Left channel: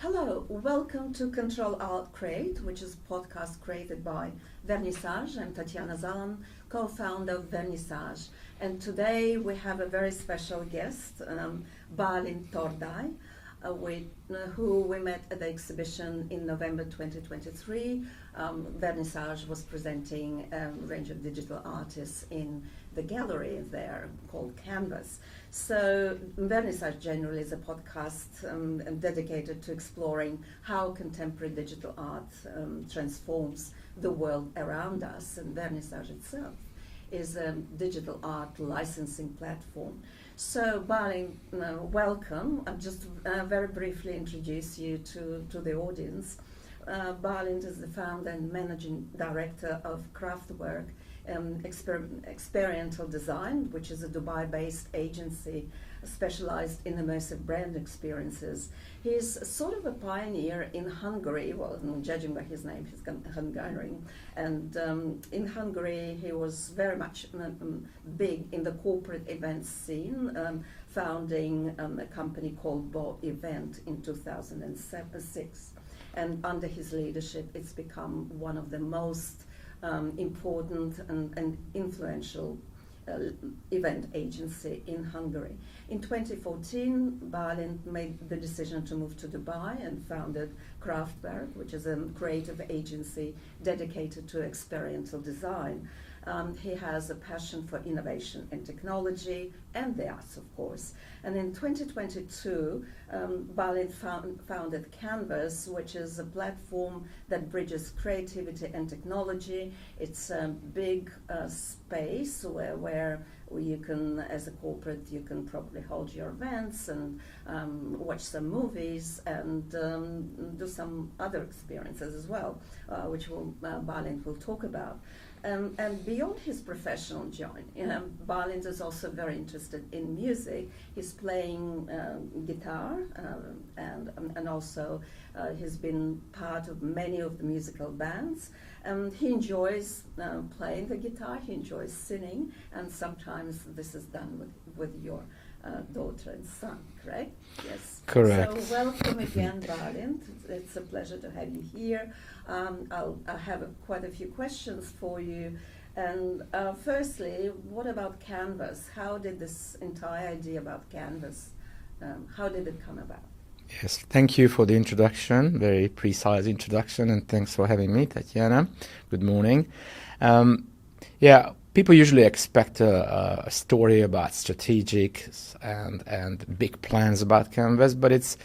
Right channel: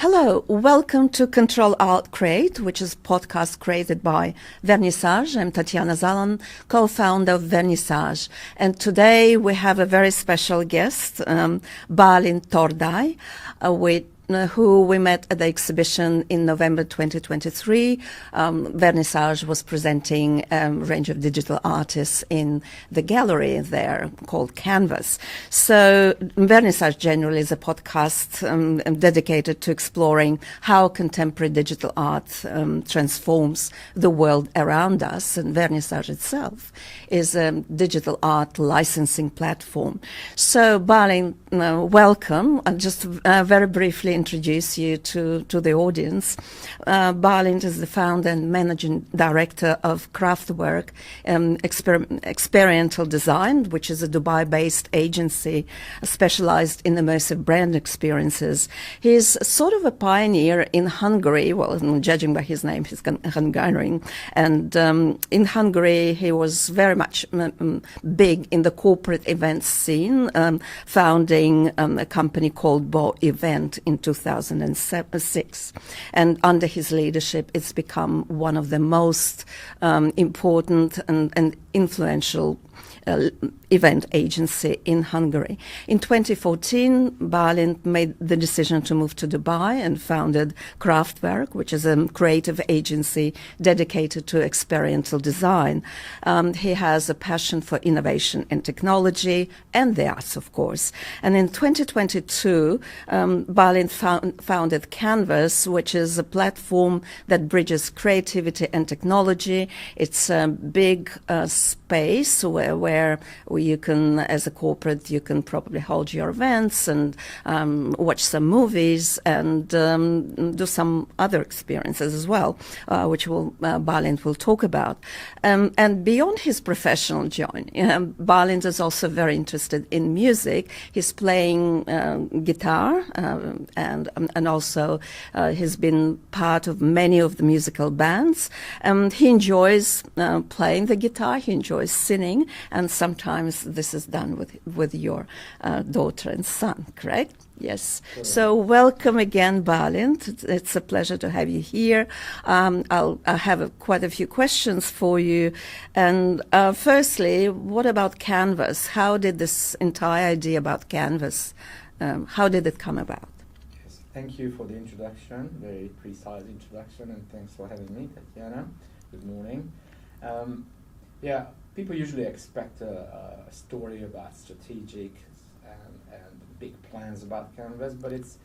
Hello, welcome to Ctrl+Art+Create, which is a podcast created by Vernissage. I'm Tatiana Zalan, co-founder of Vernissage. And today we have a very special guest, Balint Tordai, who we met at the exhibition in November 2023. Vernissage was presenting a range of digital artists in the gallery there called Canvas. So Vernissage generally is a podcast dedicated to exploring how contemporary digital art transforms the world around us, and Vernissage itself is a digital art licensing platform. So Balint, welcome. I'll just very briefly introduce you to the audience. Balint is the founder and managing director of Kraftwerk, Experiential Design, which is a Dubai-based agency specialized in immersive brand experiences. He's sort of a pioneer in Hungary. Well, judging by his name, he's Hungarian. And in Hungary, he was very much big in the corporate events scene, founding a company called Bo Event in 2006. And under his leadership, it's become one of the most important and influential event agency in Hungary. In 2014, Balint made the decision to move to Dubai and founded Kraftwerk, which is a creative agency dedicated to experiential design. He has a passion for innovation and technology and the arts, of course. And in 2022, Balint founded Canvas, which is a platform that bridges creativity and technology. It's a big space where you can, as a corporate, you can probably hold your events and watch some movies and do some other experiences as well, which Balint will talk about. And beyond his professional journey, Balint is also very interested in music. He's playing guitar and also he's been part of many of the musical bands. He enjoys playing the guitar, he enjoys singing, and sometimes this is done with your daughter and son, correct? Yes. Correct. So welcome again, Balint. It's a pleasure to have you here. I have quite a few questions for you. And firstly, what about Canvas? How did this entire idea about Canvas, how did it come about? Yes, thank you for the introduction, very precise introduction, and thanks for having me, Tatiana. Good morning. Yeah, people usually expect a story about strategic and big plans about Canvas, but it's,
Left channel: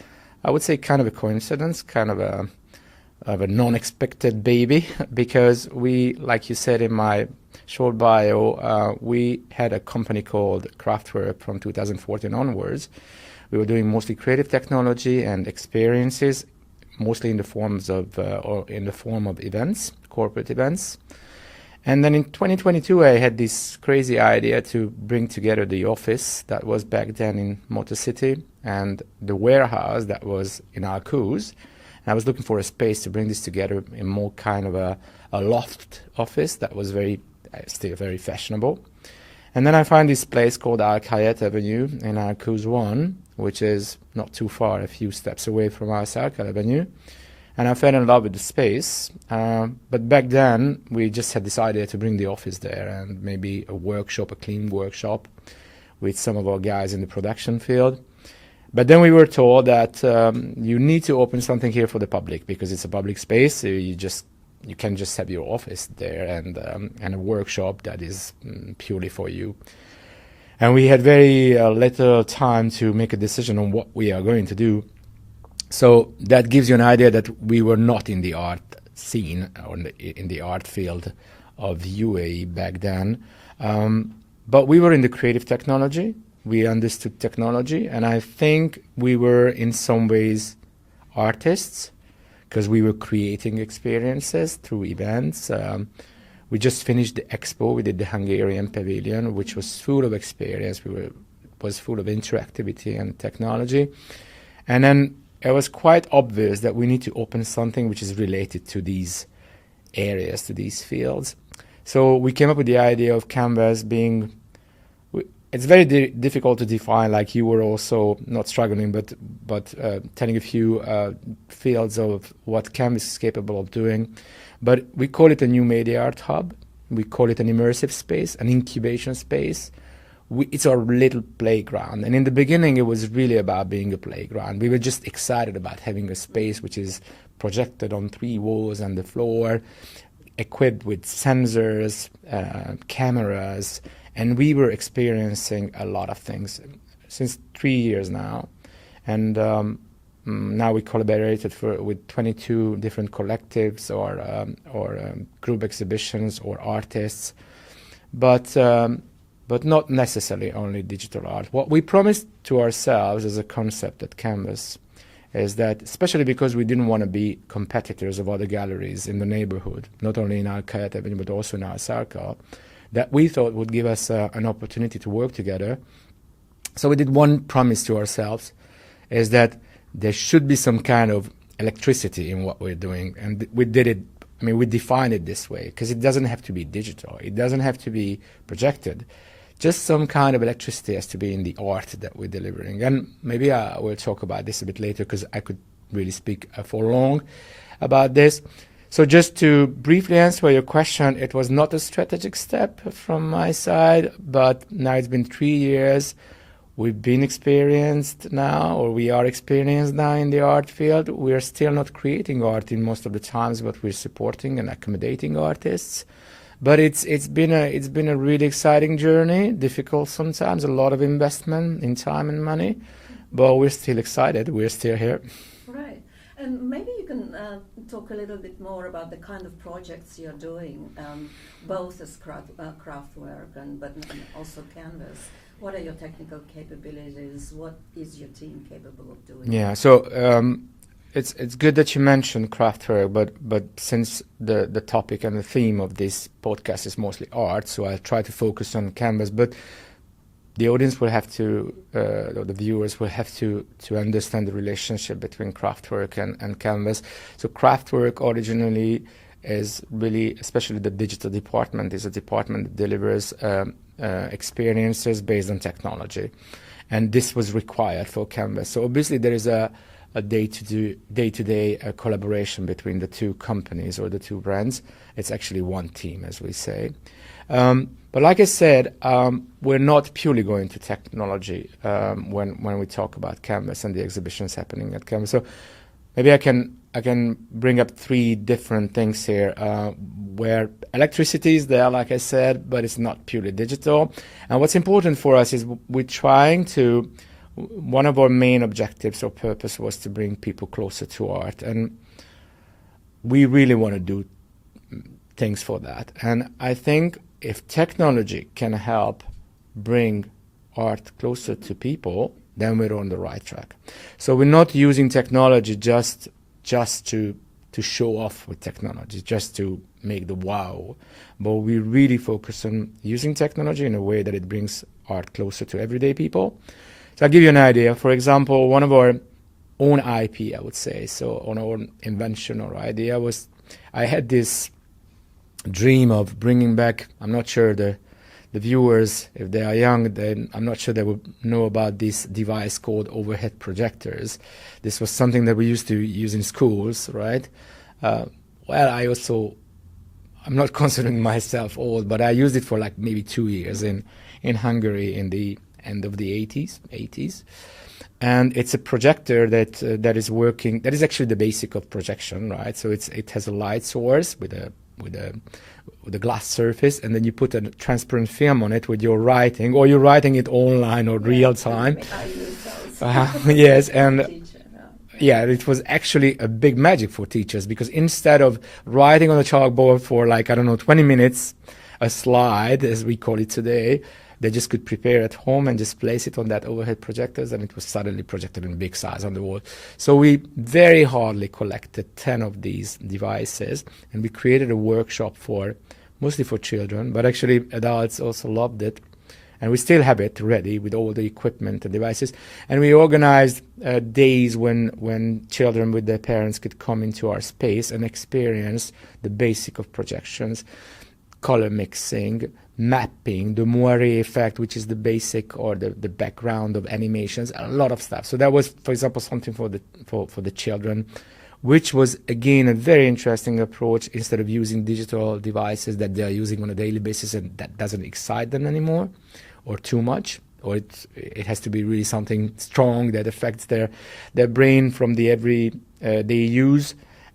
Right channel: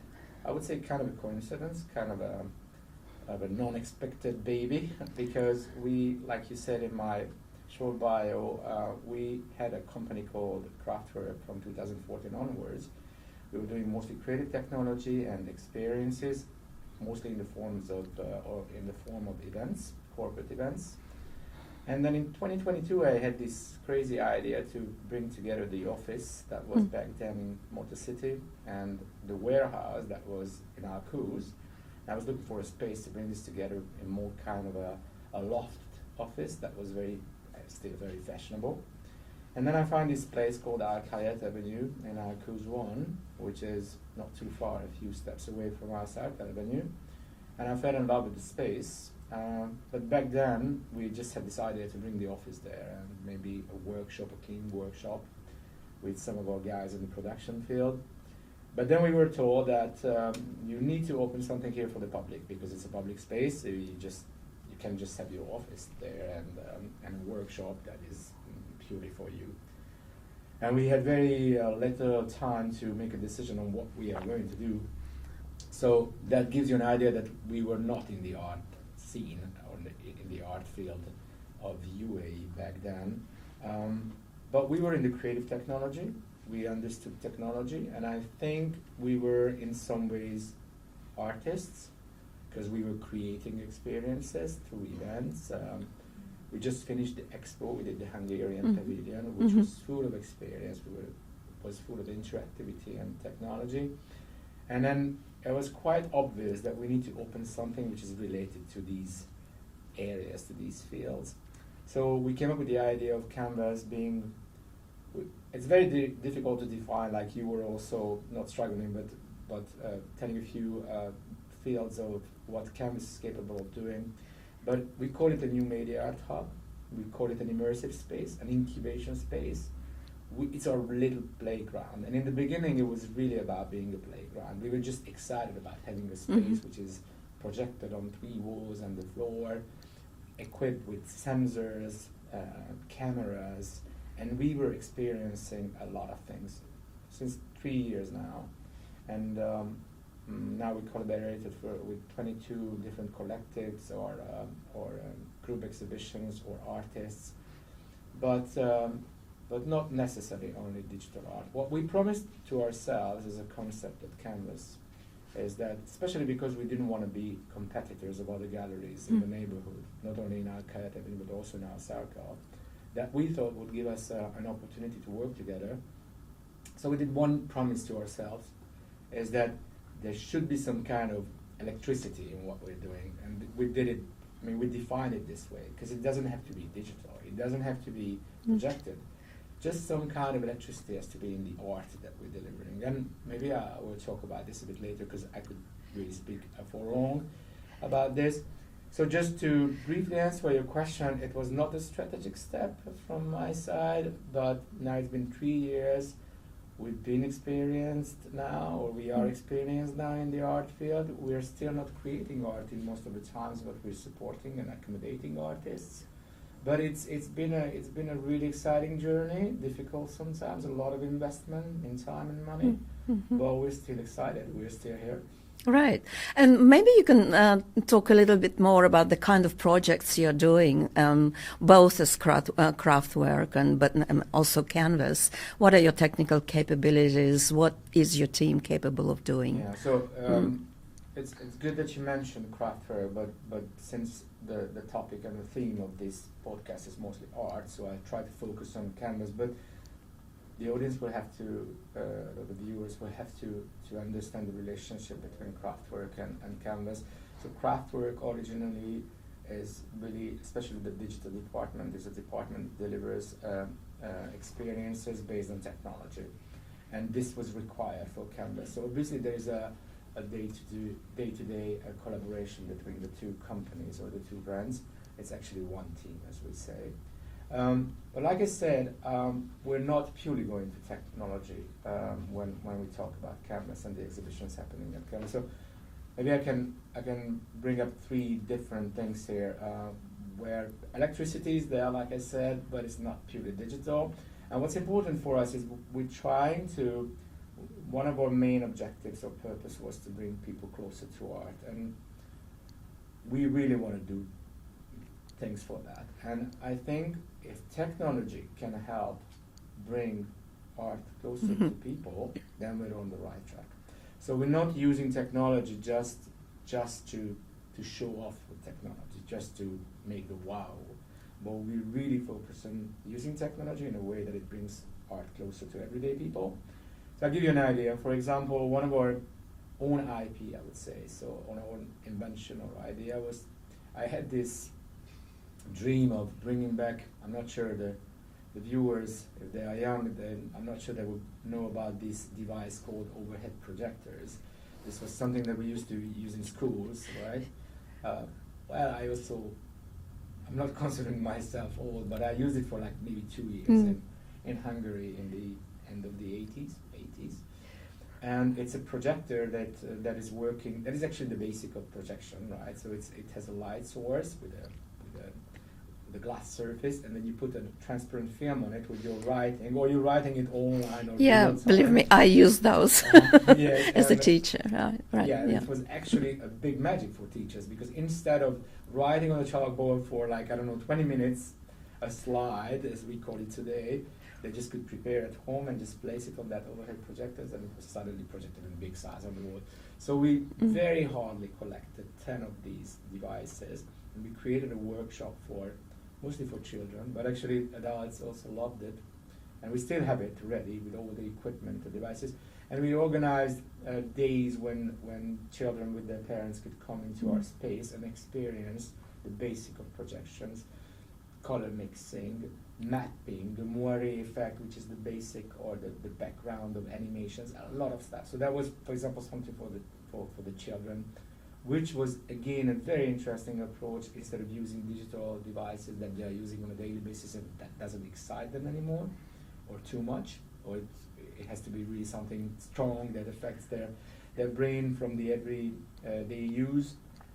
I would say, kind of a coincidence, kind of a non-expected baby, because we, like you said in my short bio, we had a company called Kraftwerk from 2014 onwards. We were doing mostly creative technology and experiences, mostly in the forms of or in the form of events, corporate events. And then in 2022, I had this crazy idea to bring together the office that was back then in Motor City and the warehouse that was in Alcuz. And I was looking for a space to bring this together in more kind of a loft office that was still very fashionable. And then I found this place called Al Khayat Avenue in Alcuz 1, which is not too far, a few steps away from our Circle Avenue. And I fell in love with the space, but back then we just had this idea to bring the office there and maybe a workshop, a clean workshop with some of our guys in the production field. But then we were told that you need to open something here for the public because it's a public space, so you can just have your office there and a workshop that is purely for you. And we had very little time to make a decision on what we are going to do. So that gives you an idea that we were not in the art scene or in the art field of UAE back then. But we were in the creative technology. We understood technology. And I think we were in some ways artists because we were creating experiences through events. We just finished the expo. We did the Hungarian pavilion, which was full of experience. Was full of interactivity and technology. And then it was quite obvious that we need to open something which is related to these areas, to these fields. So we came up with the idea of Canvas being it's very difficult to define, like you were also not struggling, but telling a few fields of what Canvas is capable of doing. But we call it a new media art hub. We call it an immersive space, an incubation space. It's our little playground. And in the beginning, it was really about being a playground. We were just excited about having a space which is projected on 3 walls and the floor, equipped with sensors, cameras, and we were experiencing a lot of things since 3 years now. And now we collaborated with 22 different collectives or group exhibitions or artists, but not necessarily only digital art. What we promised to ourselves as a concept at Canvas is that, especially because we didn't want to be competitors of other galleries in the neighborhood, not only in our Kayat Avenue, but also in our circle, that we thought would give us an opportunity to work together. So we did one promise to ourselves, is that there should be some kind of electricity in what we're doing. And we did it, I mean, we defined it this way, because it doesn't have to be digital. It doesn't have to be projected. Just some kind of electricity has to be in the art that we're delivering. And maybe we'll talk about this a bit later, because I could really speak for long about this. So just to briefly answer your question, it was not a strategic step from my side, but now it's been 3 years. We've been experienced now, or we are experienced now in the art field. We are still not creating art in most of the times, but we're supporting and accommodating artists. But it's been a really exciting journey, difficult sometimes, a lot of investment in time and money, but we're still excited. We're still here. Right. And maybe you can talk a little bit more about the kind of projects you're doing, both as Kraftwerk and also Canvas. What are your technical capabilities? What is your team capable of doing? Yeah, so it's good that you mentioned Kraftwerk, but since the topic and the theme of this podcast is mostly art, so I'll try to focus on Canvas, but the audience will have to, or the viewers will have to understand the relationship between Kraftwerk and Canvas. So Kraftwerk originally is really, especially the digital department, is a department that delivers experiences based on technology. And this was required for Canvas. So obviously there is a day-to-day collaboration between the two companies or the two brands. It's actually one team, as we say. But like I said, we're not purely going to technology when we talk about Canvas and the exhibitions happening at Canvas. So maybe I can bring up 3 different things here where electricity is there, like I said, but it's not purely digital. And what's important for us is we're trying to, one of our main objectives or purpose was to bring people closer to art. And we really want to do things for that. And I think if technology can help bring art closer to people, then we're on the right track. So we're not using technology just to show off with technology, just to make the wow, but we really focus on using technology in a way that it brings art closer to everyday people. So I'll give you an idea. For example, one of our own IP, I would say, so on our invention or idea was, I had this dream of bringing back, I'm not sure the viewers, if they are young, then I'm not sure they would know about this device called overhead projectors. This was something that we used to use in schools, right? Well, I'm not considering myself old, but I used it for like maybe 2 years in Hungary in the end of the 80s. And it's a projector that is working, that is actually the basic of projection, right? So it has a light source with a glass surface, and then you put a transparent film on it with your writing, or you're writing it online or real time. Believe me, I use those. Yes, as a teacher. Right, it was actually a big magic for teachers, because instead of writing on a chalkboard for 20 minutes, a slide, as we call it today, they just could prepare at home and just place it on that overhead projectors, and it was suddenly projected in big size on the wall. So we very hardly collected 10 of these devices, and we created a workshop mostly for children, but actually adults also loved it. And we still have it ready with all the equipment and devices. And we organized days when children with their parents could come into our space and experience the basic of projections, color mixing, mapping, the moire effect, which is the basic or the background of animations, a lot of stuff. So that was, for example, something for the children, which was again a very interesting approach. Instead of using digital devices that they are using on a daily basis and that doesn't excite them anymore or too much, or it has to be really something strong that affects their brain from the everyday use.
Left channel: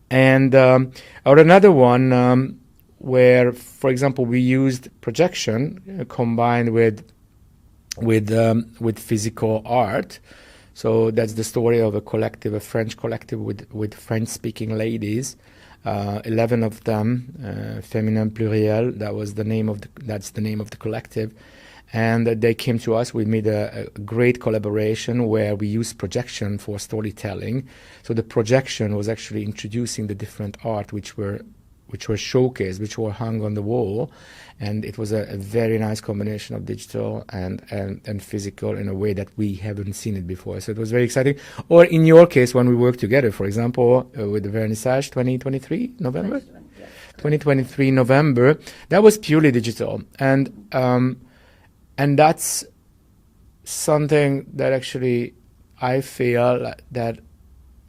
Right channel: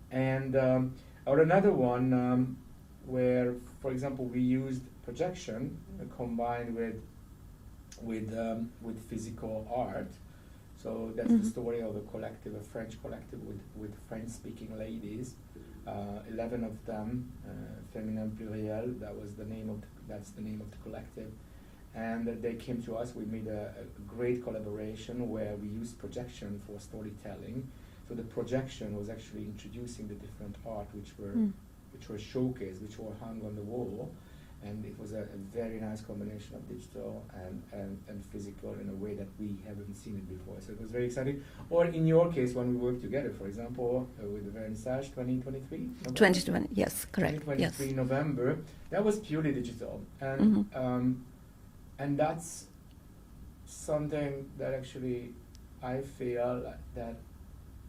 And or another one where, for example, we used projection combined with physical art. So that's the story of a collective, a French collective with French-speaking ladies, 11 of them, Féminin Pluriel. That's the name of the collective. And they came to us. We made a great collaboration where we used projection for storytelling. So the projection was actually introducing the different art which were showcased, which were hung on the wall. And it was a very nice combination of digital and physical in a way that we haven't seen it before. So it was very exciting. Or in your case, when we worked together, for example, with the Vernissage 2023 November? 2020, yes, correct. 2023 yes. November, that was purely digital. And and that's something that actually I feel that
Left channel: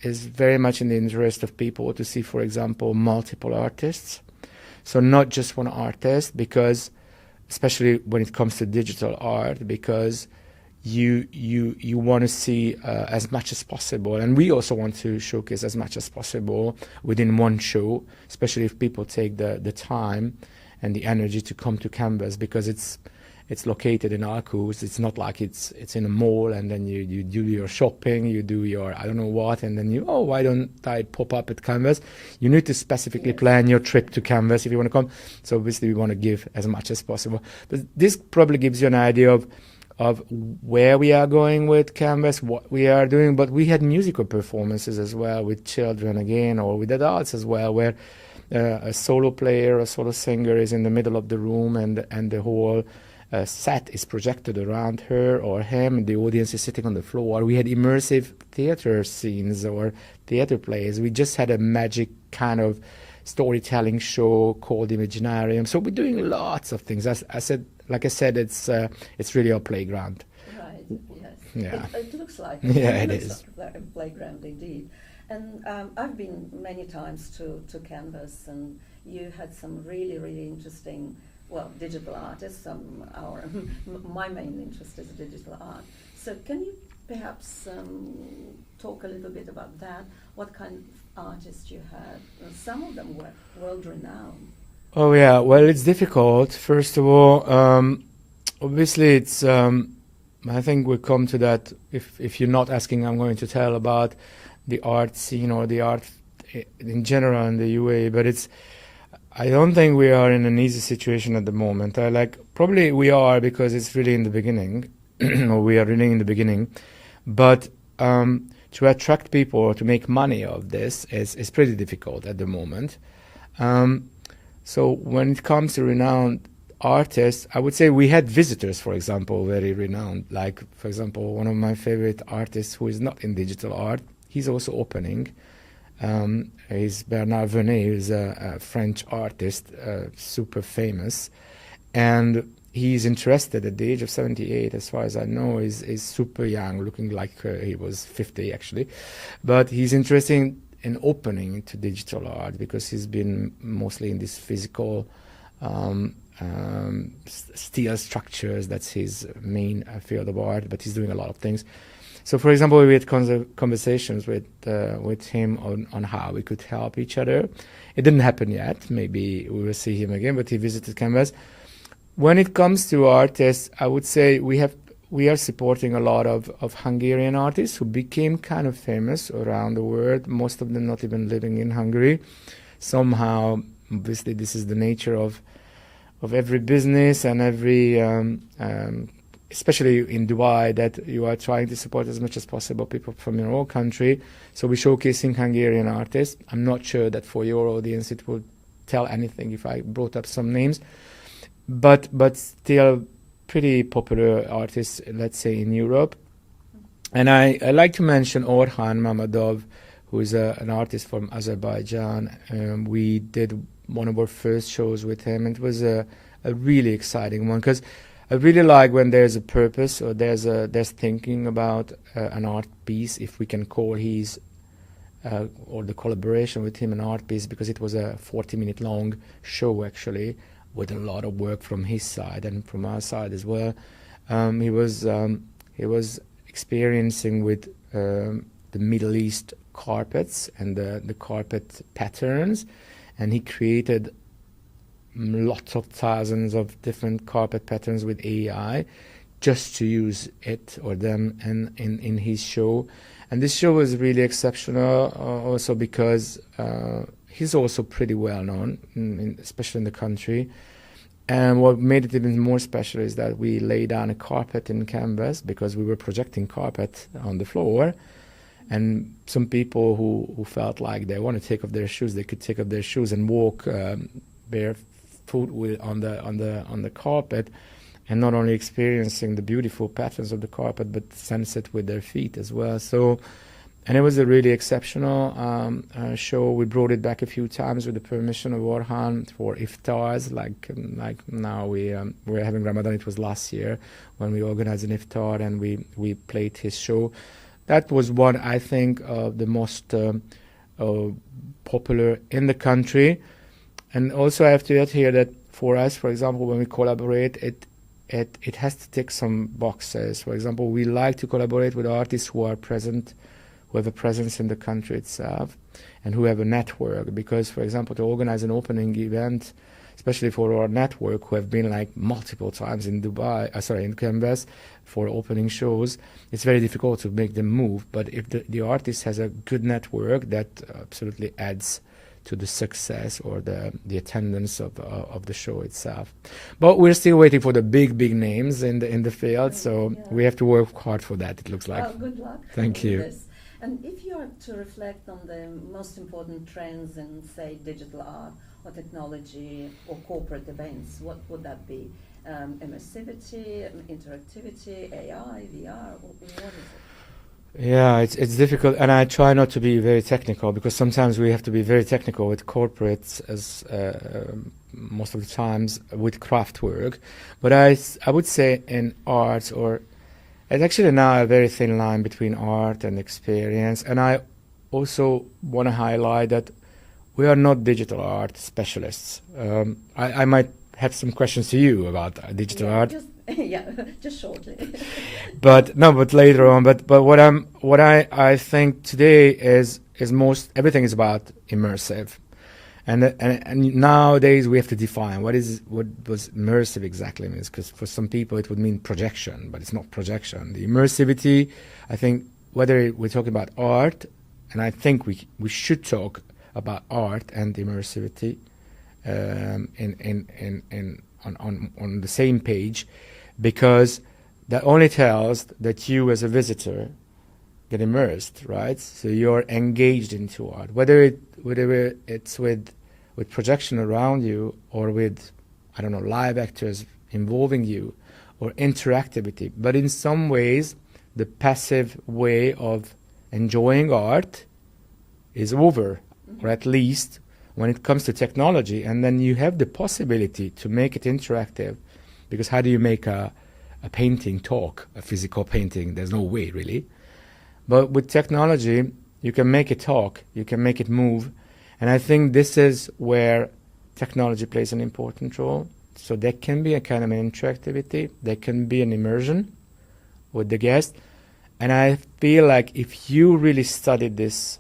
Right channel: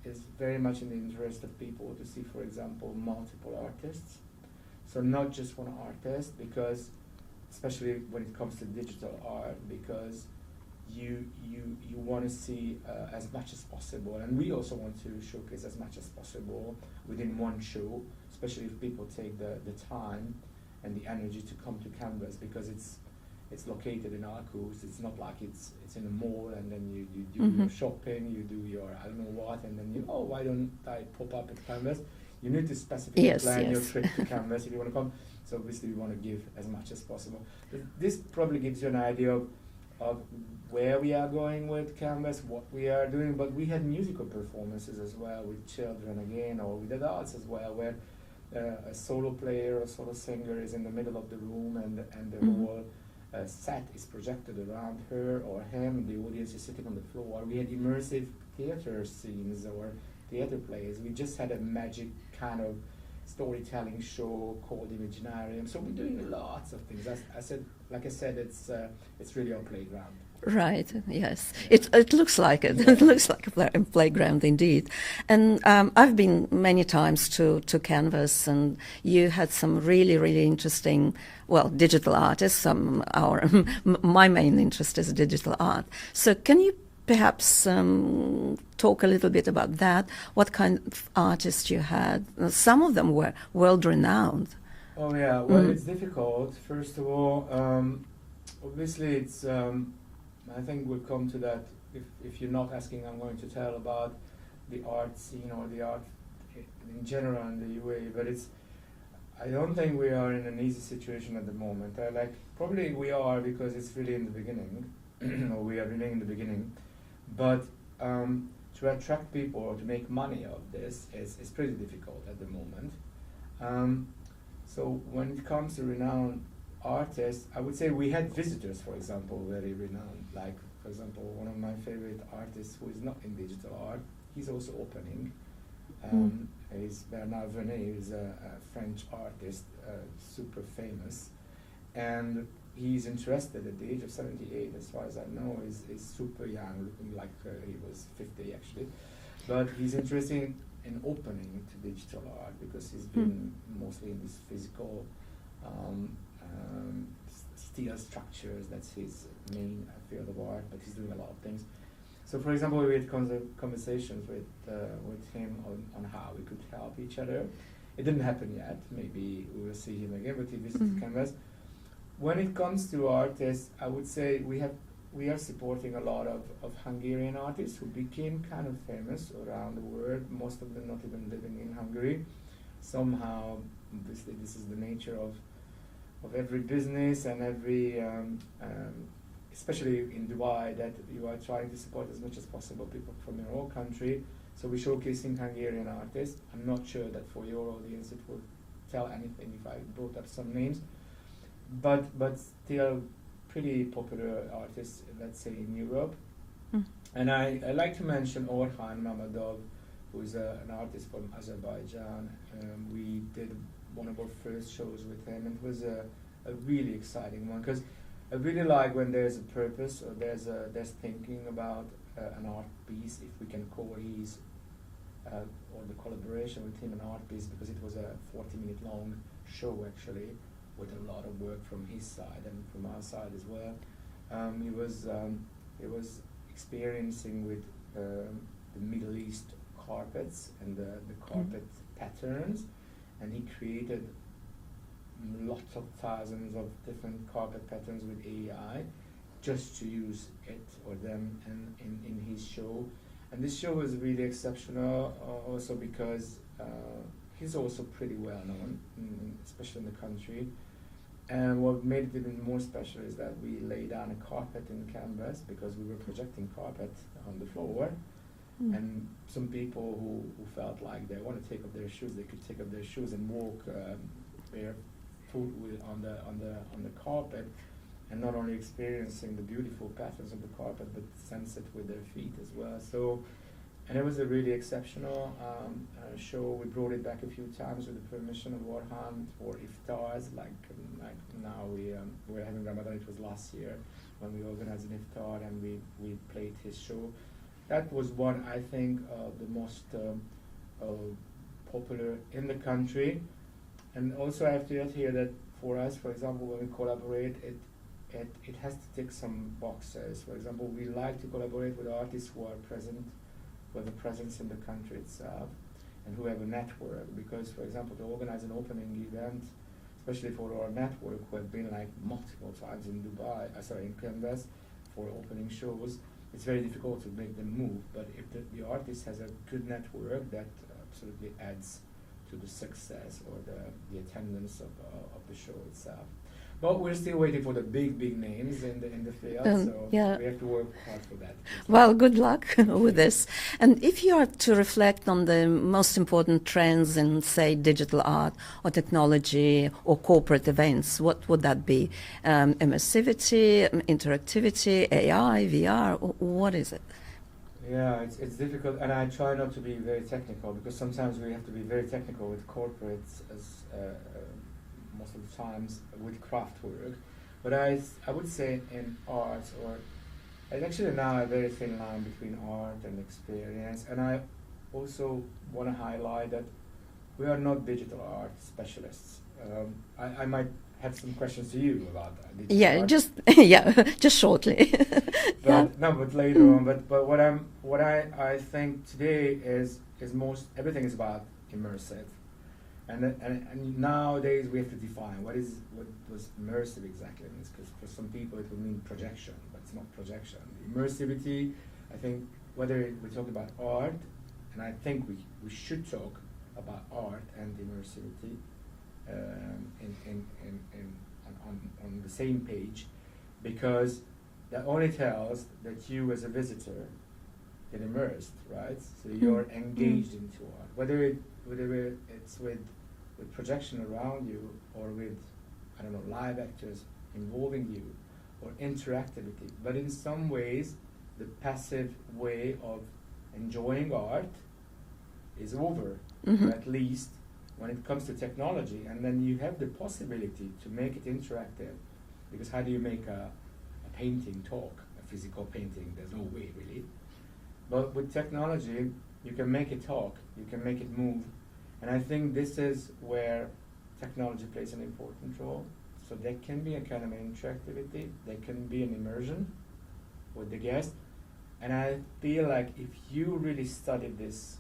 is very much in the interest of people to see, for example, multiple artists. So not just one artist, because especially when it comes to digital art, because you want to see as much as possible. And we also want to showcase as much as possible within one show, especially if people take the time and the energy to come to Canvas, because it's located in Aarhus. It's not like it's in a mall and then you do your shopping, you do your I don't know what, and then why don't I pop up at Canvas? You need to specifically plan your trip to Canvas if you want to come. So obviously we want to give as much as possible. But this probably gives you an idea of where we are going with Canvas, what we are doing. But we had musical performances as well with children again, or with adults as well, where a solo player, a solo singer is in the middle of the room and the whole set is projected around her or him, and the audience is sitting on the floor. We had immersive theater scenes or theater plays. We just had a magic kind of storytelling show called Imaginarium. So we're doing lots of things. As I said, it's really a playground. Right, yes. Yeah. It looks like it. Yeah, it looks it is. like a playground indeed. And I've been many times to Canvas, and you had some really, really interesting, digital artists. My main interest is digital art. So can you perhaps talk a little bit about that? What kind of artists you had? Some of them were world-renowned. Oh, yeah. Well, it's difficult. First of all, obviously it's... I think we'll come to that. If you're not asking, I'm going to tell about the art scene or the art in general in the UAE. But I don't think we are in an easy situation at the moment. Probably we are, because it's really in the beginning, or we are really in the beginning. But to attract people or to make money of this is pretty difficult at the moment. So when it comes to renowned artists, I would say we had visitors, for example, very renowned. Like, for example, one of my favorite artists who is not in digital art, he's also opening. He's Bernard Vernet, who's a French artist, super famous. And he's interested at the age of 78, as far as I know, is super young, looking like he was 50 actually. But he's interested in opening into digital art because he's been mostly in this physical steel structures. That's his main field of art, but he's doing a lot of things. So, for example, we had conversations with him on how we could help each other. It didn't happen yet. Maybe we will see him again, but he visited Canvas. When it comes to artists, I would say we are supporting a lot of Hungarian artists who became kind of famous around the world, most of them not even living in Hungary. Somehow, obviously, this is the nature of every business and every, especially in Dubai, that you are trying to support as much as possible people from your own country. So we're showcasing Hungarian artists. I'm not sure that for your audience it would tell anything if I brought up some names, but still pretty popular artists, let's say, in Europe. And I like to mention Orhan Mamadov, who is an artist from Azerbaijan. We did one of our first shows with him. It was a a really exciting one, because I really like when there's a purpose or there's thinking about an art piece, if we can call his or the collaboration with him an art piece, because it was a 40-minute long show actually, with a lot of work from his side and from our side as well. He was experiencing with the Middle East carpets and the carpet patterns, and he created lots of thousands of different carpet patterns with AI just to use it or them in his show. And this show was really exceptional also because he's also pretty well known, especially in the country. And what made it even more special is that we laid down a carpet in canvas, because we were projecting carpet on the floor. And some people who felt like they want to take off their shoes, they could take off their shoes and walk barefoot on the carpet, and not only experiencing the beautiful patterns of the carpet, but sense it with their feet as well. So, and it was a really exceptional show. We brought it back a few times with the permission of Orhan for iftars. Like now we're having Ramadan. It was last year when we organized an iftar and we played his show. That was one, I think, of the most popular in the country. And also I have to add here that for us, for example, when we collaborate, it has to tick some boxes. For example, we like to collaborate with artists who are present, who have a presence in the country itself, and who have a network. Because, for example, to organize an opening event, especially for our network, who have been like multiple times in in Canvas for opening shows, it's very difficult to make them move. But if the artist has a good network, that absolutely adds to the success or the attendance of the show itself. But we're still waiting for the big names in the field, so we have to work hard for that, it looks like. Well, good luck Thank with you. this. And if you are to reflect on the most important trends in, say, digital art or technology or corporate events, what would that be? Immersivity, interactivity, AI, VR, what is it? Yeah, it's difficult, and I try not to be very technical, because sometimes we have to be very technical with corporates, as most of the times with Kraftwerk. But I would say in art, or it's actually now a very thin line between art and experience. And I also want to highlight that we are not digital art specialists. I might have some questions to you about digital art. Just shortly. But later on. But what I think today is everything is about immersive, and nowadays we have to define what does immersive exactly means, because for some people it would mean projection, but it's not projection. The immersivity, I think, whether we're talking about art, and I think we should talk about art and immersivity on the same page, because that only tells that you as a visitor get immersed, right? So you're engaged into art, whether it's with projection around you, or with, I don't know, live actors involving you, or interactivity. But in some ways, the passive way of enjoying art is over, or at least when it comes to technology. And then you have the possibility to make it interactive, because how do you make a painting talk, a physical painting? There's no way, really. But with technology, you can make it talk, you can make it move. And I think this is where technology plays an important role. So there can be a kind of an interactivity, there can be an immersion with the guest. And I feel like if you really study this,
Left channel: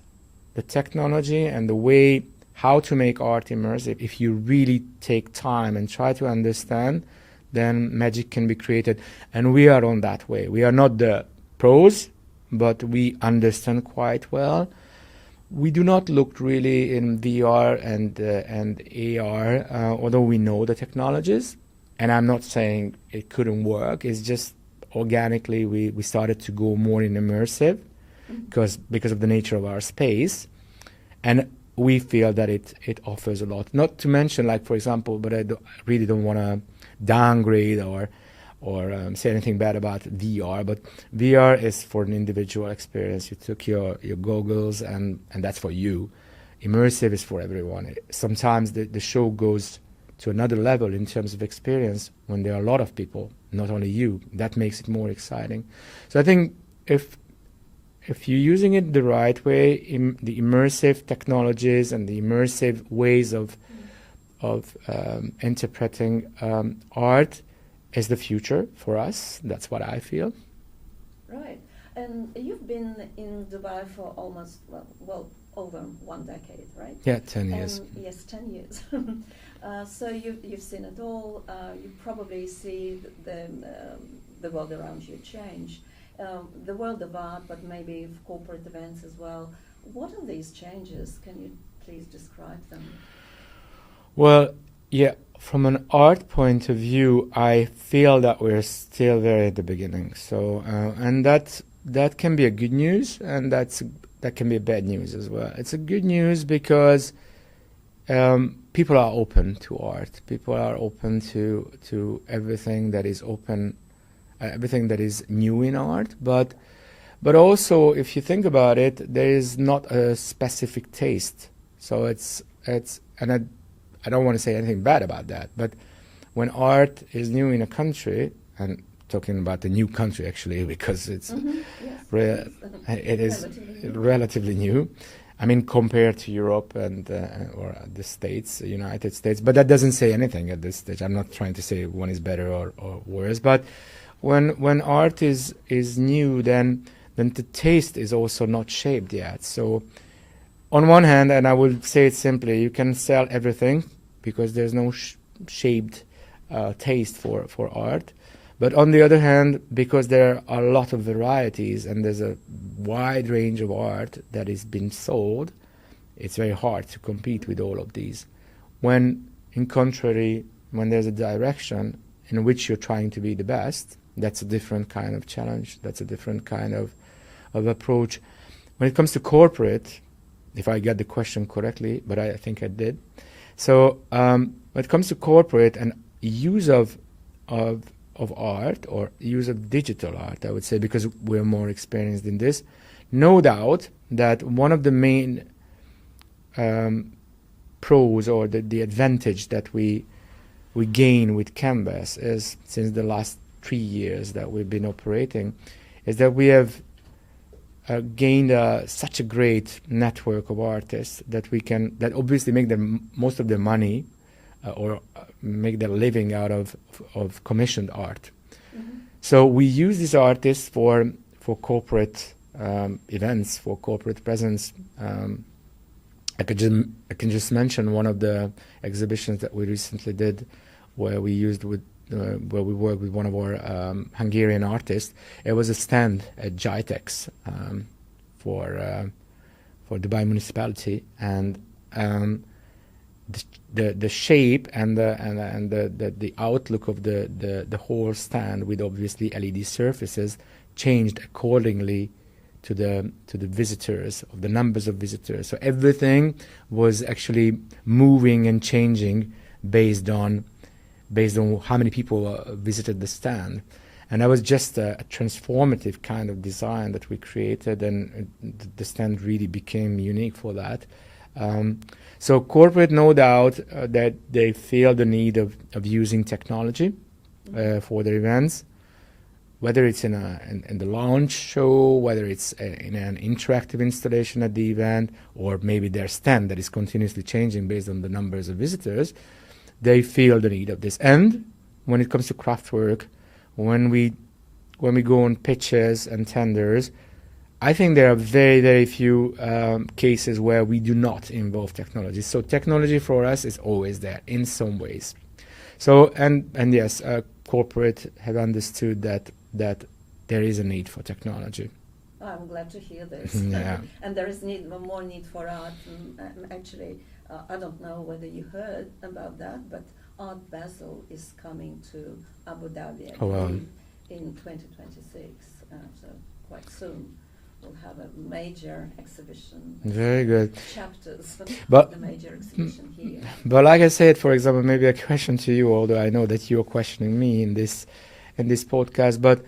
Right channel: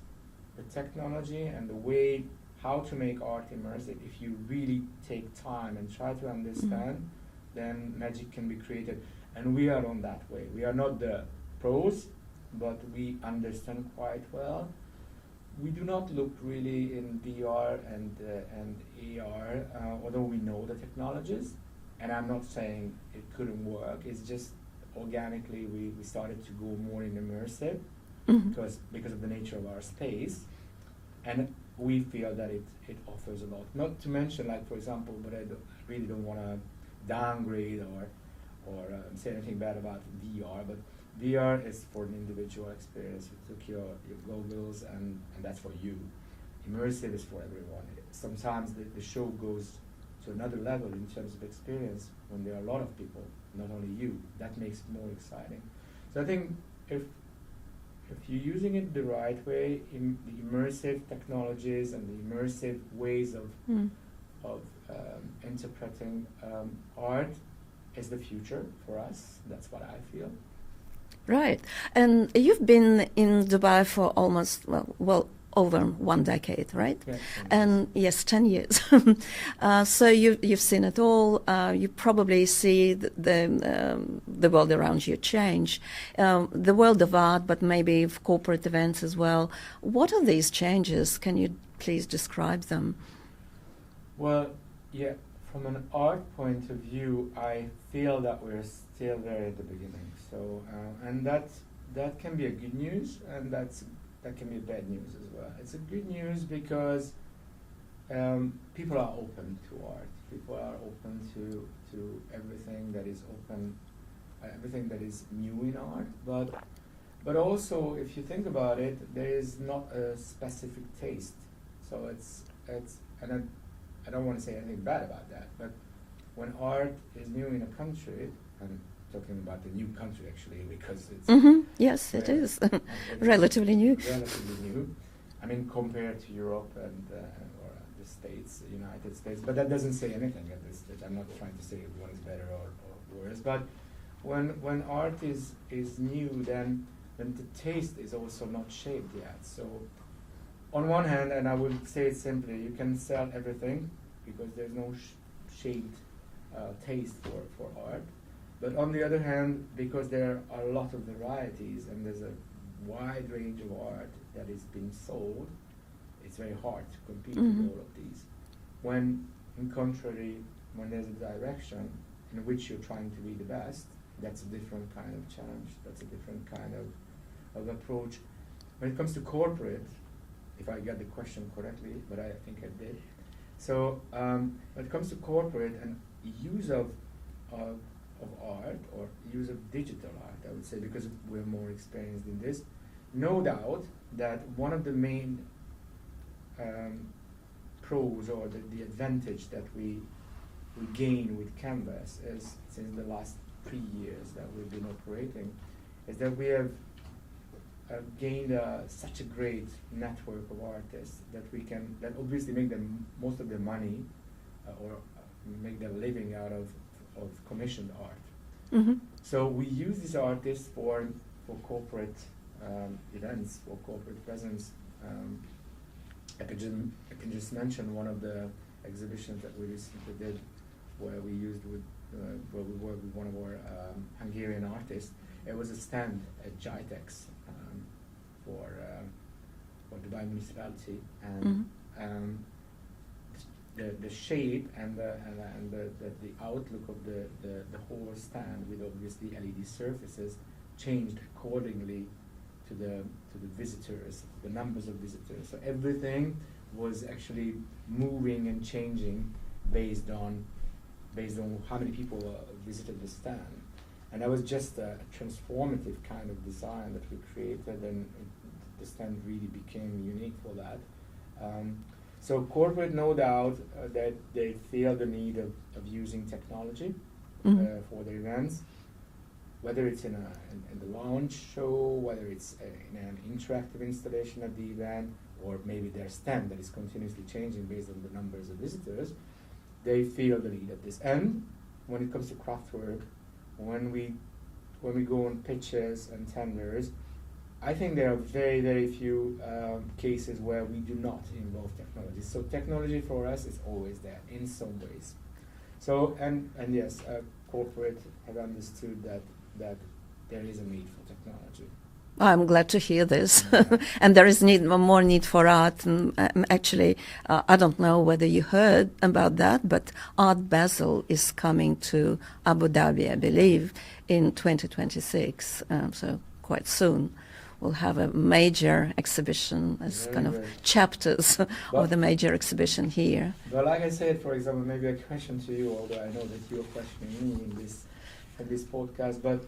the technology and the way how to make art immersive, if you really take time and try to understand, then magic can be created. And we are on that way. We are not the pros, but we understand quite well. We do not look really in VR and AR, although we know the technologies. And I'm not saying it couldn't work. It's just organically we started to go more in immersive, because of the nature of our space. And we feel that it offers a lot. Not to mention, like, for example, but I really don't want to downgrade or say anything bad about VR, but VR is for an individual experience. You took your goggles and that's for you. Immersive is for everyone. Sometimes the show goes to another level in terms of experience when there are a lot of people, not only you. That makes it more exciting. So I think if you're using it the right way, the immersive technologies and the immersive ways of interpreting art is the future for us. That's what I feel. Right. And you've been in Dubai for almost, well, over 1 decade, right? Yeah, 10 years. And yes, 10 years. So you've seen it all. You probably see the world around you change. The world of art, but maybe of corporate events as well. What are these changes? Can you please describe them? Well, yeah, from an art point of view, I feel that we're still very at the beginning. So, and that can be a good news, and that can be a bad news as well. It's a good news because people are open to art. People are open to everything that is open, everything that is new in art. But also, if you think about it, there is not a specific taste. So it's and I don't want to say anything bad about that. But when art is new in a country, and talking about the new country actually, because it's yes, it is. It is relatively new. Relatively new. I mean, compared to Europe and or the States, United States. But that doesn't say anything at this stage. I'm not trying to say one is better or worse. But when art is new, then the taste is also not shaped yet. So on one hand, and I will say it simply, you can sell everything because there's no shaped taste for art. But on the other hand, because there are a lot of varieties and there's a wide range of art that is being sold, it's very hard to compete with all of these. When, in contrary, when there's a direction in which you're trying to be the best, that's a different kind of challenge. That's a different kind of approach. When it comes to corporate, if I got the question correctly, but I think I did. So when it comes to corporate and use of art or use of digital art, I would say, because we're more experienced in this, no doubt that one of the main pros or the advantage that we gain with Canvas is, since the last 3 years that we've been operating, is that we have gained such a great network of artists that obviously make most of their money or make their living out of commissioned art. So we use these artists for corporate events, for corporate presence. I can just mention one of the exhibitions that we recently did, where we worked with one of our Hungarian artists. It was a stand at GITEX for Dubai municipality, and the shape and the outlook of the whole stand, with obviously LED surfaces, changed accordingly to the visitors, of the numbers of visitors. So everything was actually moving and changing based on how many people visited the stand. And that was just a transformative kind of design that we created, and the stand really became unique for that. So corporate, no doubt that they feel the need of using technology for their events, whether it's in the launch show, whether it's in an interactive installation at the event, or maybe their stand that is continuously changing based on the numbers of visitors. They feel the need of this. And when it comes to Kraftwerk, when we go on pitches and tenders, I think there are very, very few cases where we do not involve technology. So technology for us is always there in some ways. So and yes, corporate have understood that there is a need for technology. I'm glad to hear this. Yeah. And there is more need for art. And, actually, I don't know whether you heard about that, but Art Basel is coming to Abu Dhabi, I believe, in 2026. So quite soon. We'll have a major exhibition, as Very good. chapters But of the major exhibition here. But like I said, for example, maybe a question to you, although I know that you're questioning me in this podcast, but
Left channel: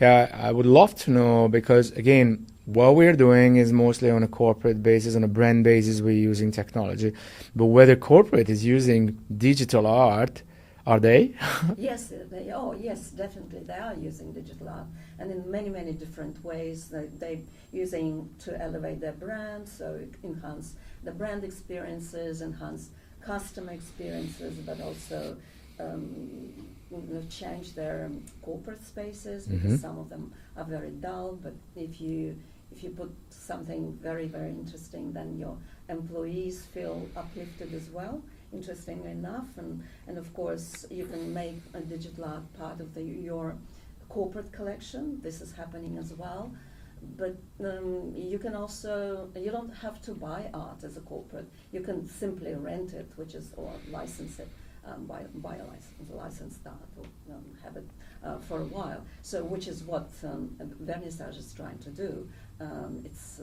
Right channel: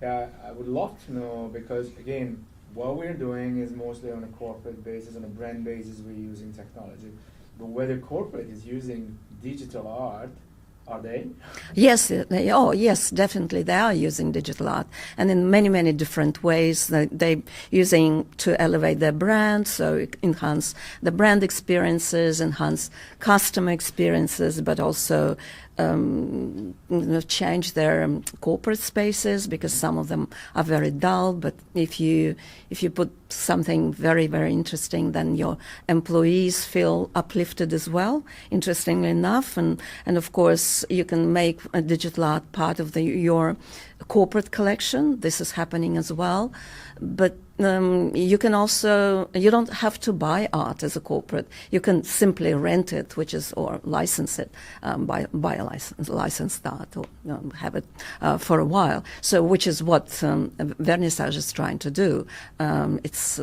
yeah, I would love to know, because again, what we're doing is mostly on a corporate basis, on a brand basis, we're using technology. But whether corporate is using digital art, are they? Yes, yes, definitely. They are using digital art, and in many, many different ways. They're using to elevate their brand, so enhance the brand experiences, enhance customer experiences, but also change their corporate spaces, because some of them are very dull. But if you put something very, very interesting, then your employees feel uplifted as well, interestingly enough. And of course, you can make a digital art part of your corporate collection. This is happening as well. But you can also, you don't have to buy art as a corporate. You can simply rent it, or license it, buy a licensed art, or have it for a while. So, which is what Vernissage is trying to do. It's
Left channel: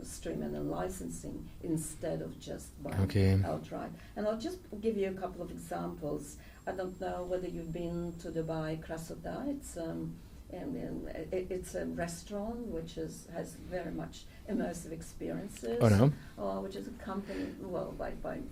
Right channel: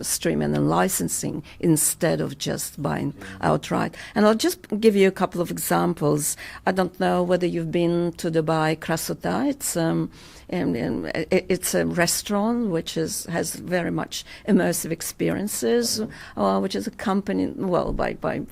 streaming and licensing instead of just buying outright. And I'll just give you a couple of examples. I don't know whether you've been to Dubai, Kraftwerk. It's a restaurant which has very much immersive experiences, which is accompanied by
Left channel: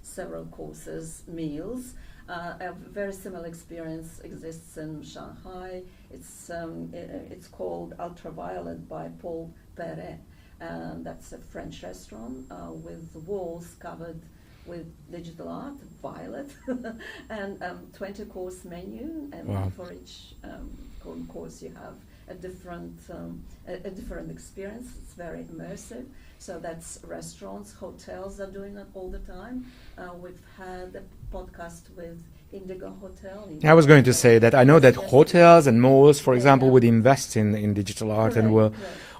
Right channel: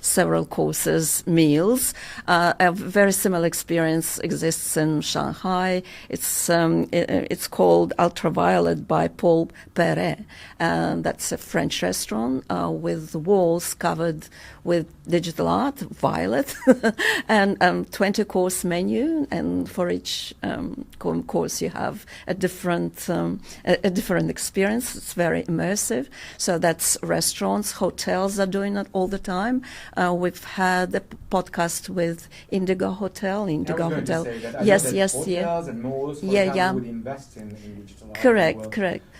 several courses, meals. A very similar experience exists in Shanghai. It's called Ultraviolet by Paul Perret. That's a French restaurant with the walls covered with digital art, violet, and 20-course menu, and for each course you have a different experience. It's very immersive. So that's restaurants, hotels are doing it all the time. We've had a podcast with Indigo Hotel. I was going to say that. I know that hotels and malls, for example, would invest in digital art and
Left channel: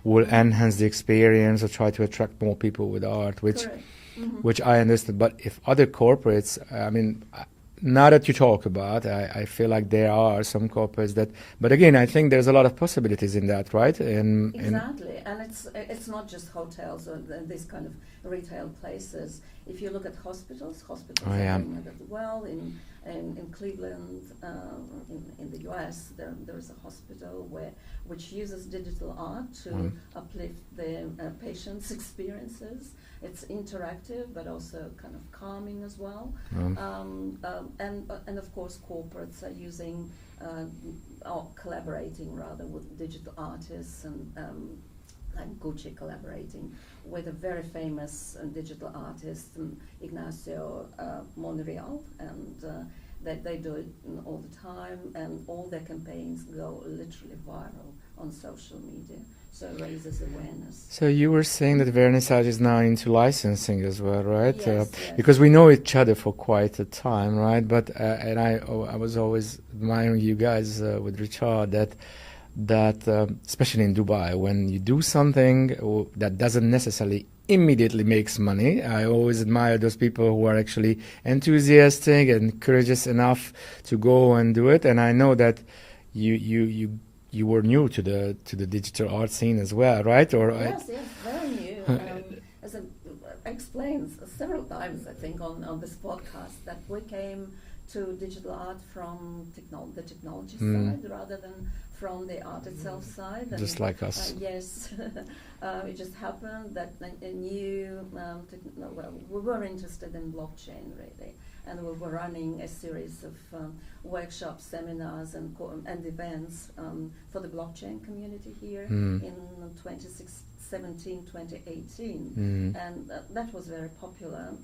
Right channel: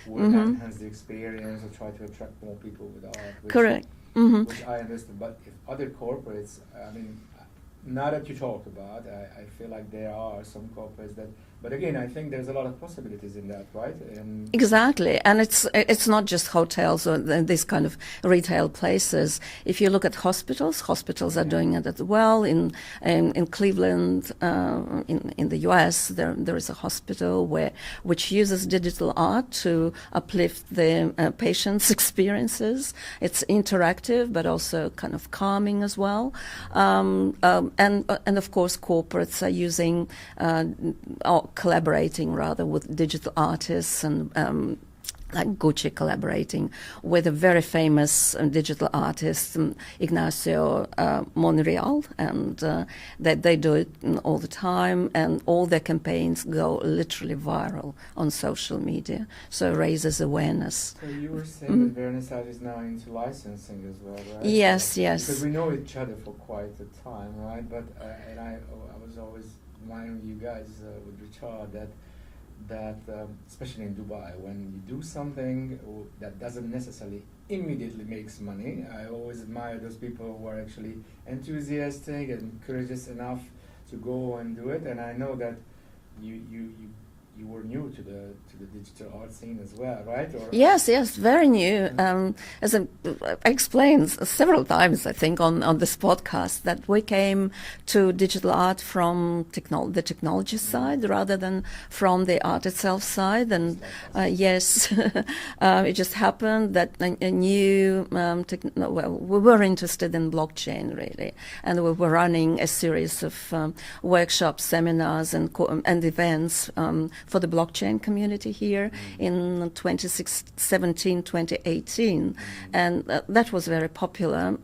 will enhance the experience or try to attract more people with art, which I understand. But if other corporates, I mean, now that you talk about, I feel like there are some corporates that, but again, I think there's a lot of possibilities in that, right? Exactly, and it's not just hotels or these kind of retail places. If you look at hospitals are doing it as well. In Cleveland, in the U.S., there is a hospital which uses digital art to uplift the patients' experiences. It's interactive, but also kind of calming as well. And of course, corporates are using or collaborating rather with digital artists, and like Gucci collaborating with a very famous digital artist, Ignacio Monreal, and they do it all the time, and all their campaigns go literally viral on social media, so it raises awareness. So you were saying that Vernissage is now into licensing as well, right? Yes, yes. Because we know each other for quite a time, right? But and I was always admiring you guys with Richard that especially in Dubai, when you do something that doesn't necessarily immediately makes money, I always admire those people who are actually enthusiastic and courageous enough to go and do it. And I know that you were new to the digital art scene as well, right? Or yes, very new. As I explained several times, I think on this podcast, that we came to digital art from the technology side rather than from the art itself side. And just like us. Yes, it just happened that a new we were interested in blockchain really, and we were running a series of workshops, seminars, and events for the blockchain community here in 2017, 2018. And that was very popular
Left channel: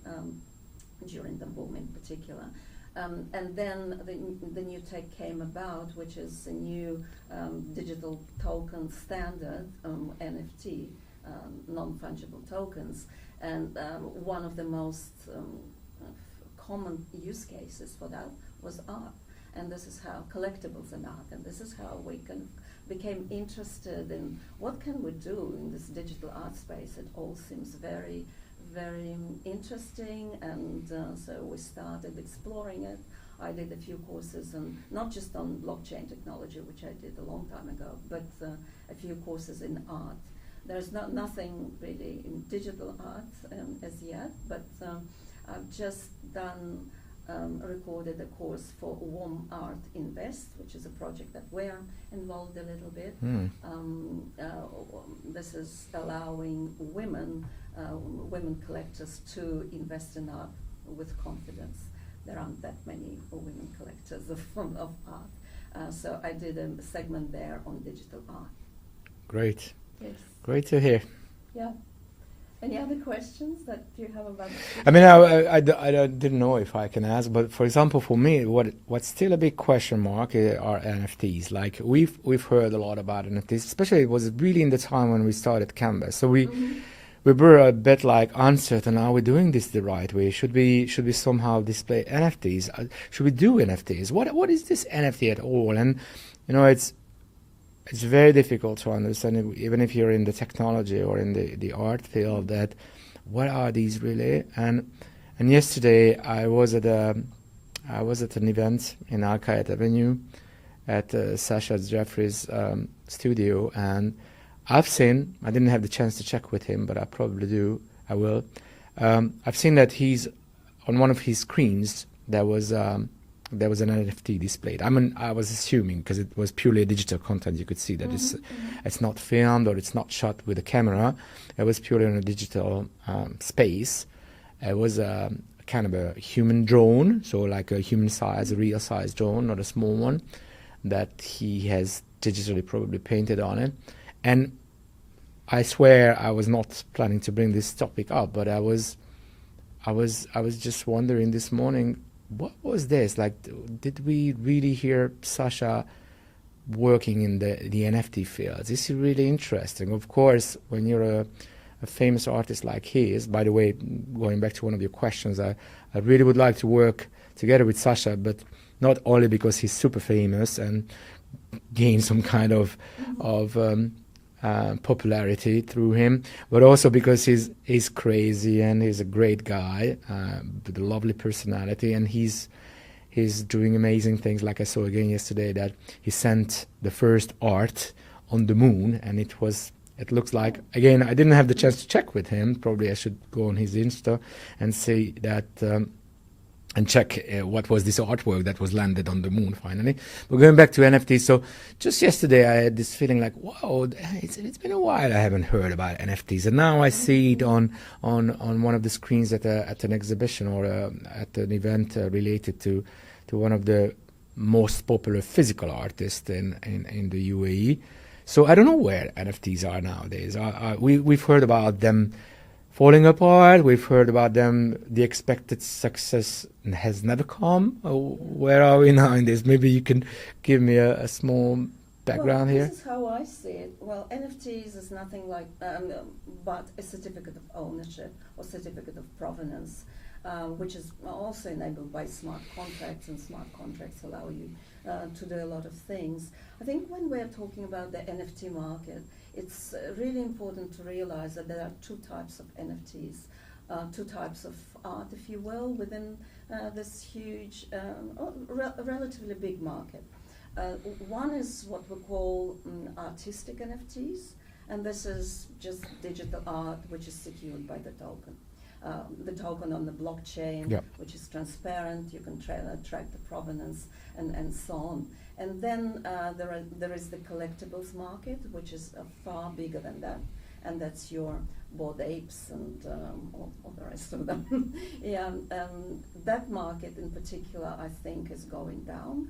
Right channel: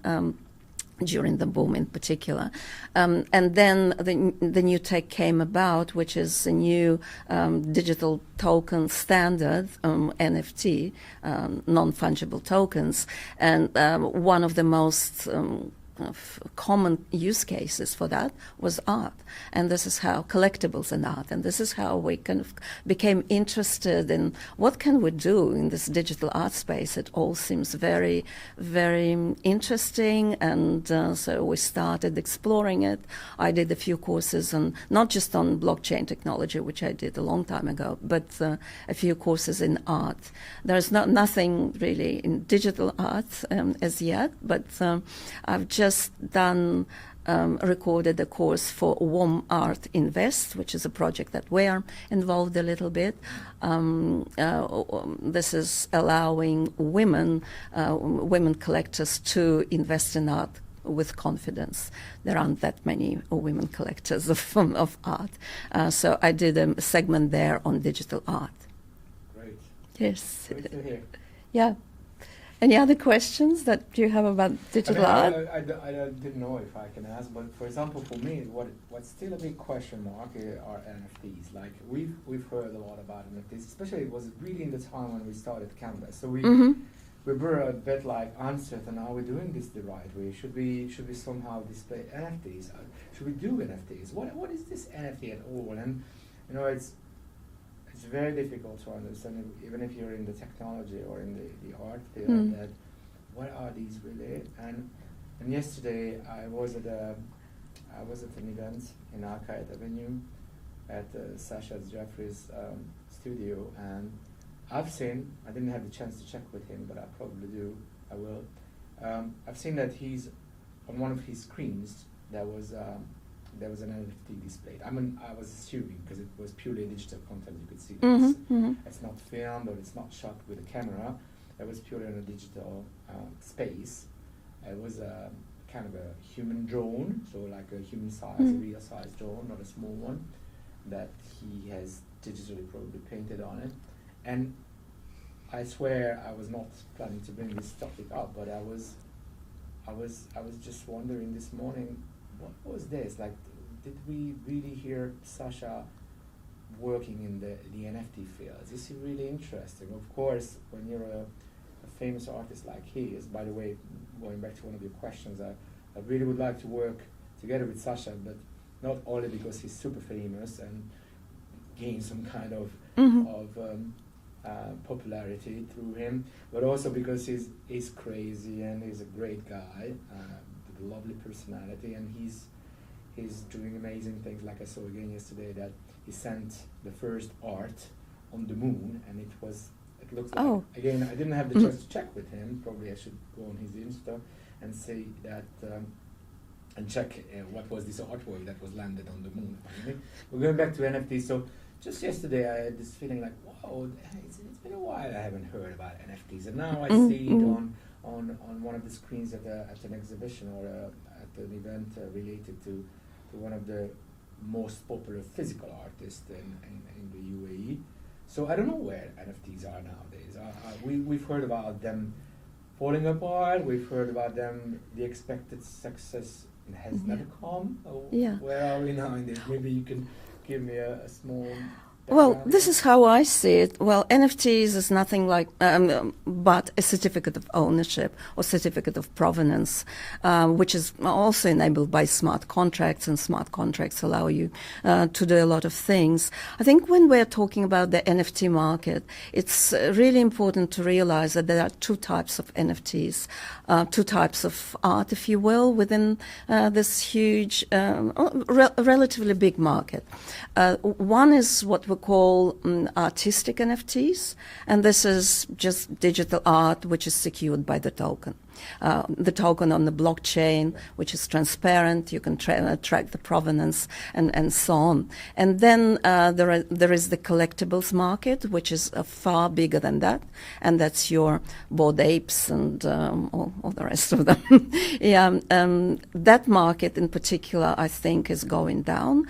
during the boom in particular. And then the new tech came about, which is a new digital token standard, NFT, non-fungible tokens. And one of the most common use cases for that was art, and this is how collectibles and art, and this is how we kind of became interested in what can we do in this digital art space. It all seems very, very interesting, and so we started exploring it. I did a few courses not just on blockchain technology, which I did a long time ago, but a few courses in art. There's nothing really in digital art as yet, but I've just done recorded a course for Warm Art Invest, which is a project that we're involved a little bit. This is allowing women collectors to invest in art with confidence. There aren't that many women collectors of art. So I did a segment there on digital art. Great. Yes. Great to hear. Yeah. Any other questions that you have about digital I mean, art? I didn't know if I can ask, but for example, for me, what's still a big question mark are NFTs. Like we've heard a lot about NFTs, especially it was really in the time when we started Canvas. So we were a bit like uncertain. Are we doing this the right way? Should we somehow display NFTs? Should we do NFTs? What is this NFT at all? And you know, it's very difficult to understand, even if you're in the technology or in the art field, that what are these really? And yesterday I was at an event in Arcade Avenue at Sasha Jeffrey's studio, and I didn't have the chance to check with him, but I probably do. I will. I've seen that he's on one of his screens. There was an NFT displayed. I mean, I was assuming because it was purely digital content. You could see that it's not filmed or it's not shot with a camera. It was purely on a digital space. It was kind of a human drone, so like a human size, a real size drone, not a small one, that he has digitally probably painted on it. And I swear I was not planning to bring this topic up, but I was just wondering this morning, what was this? Like, did we really hear Sasha working in the NFT field? This is really interesting. Of course, when you're a famous artist like he is, by the way, going back to one of your questions, I really would like to work together with Sasha, but not only because he's super famous and gain some kind of popularity through him, but also because he's crazy and he's a great guy with a lovely personality, and he's doing amazing things. Like I saw again yesterday that he sent the first art on the moon, and it looks like, again, I didn't have the chance to check with him. Probably I should go on his Insta and see that and check what was this artwork that was landed on the moon finally. But going back to NFTs, so just yesterday I had this feeling like, wow, it's been a while I haven't heard about NFTs, and now I see it on one of the screens at an exhibition or at an event related to one of the most popular physical artists in the UAE. So I don't know where NFTs are nowadays. We've heard about them falling apart. We've heard about them. The expected success has never come. Where are we now in this? Maybe you can give me a small background Well, this is how I see it. Well, NFTs is nothing like but a certificate of ownership or certificate of provenance, which is also enabled by smart contracts, and smart contracts allow you to do a lot of things. I think when we're talking about the NFT market, it's really important to realize that there are two types of NFTs, two types of art, if you will, within this huge, relatively big market. One is what we call artistic NFTs, and this is just digital art which is secured by the token. The token on the blockchain, which is transparent, you can track the provenance and so on. And then there is the collectibles market, which is far bigger than that, and that's your Bored Apes and all the rest of them. That market in particular, I think, is going down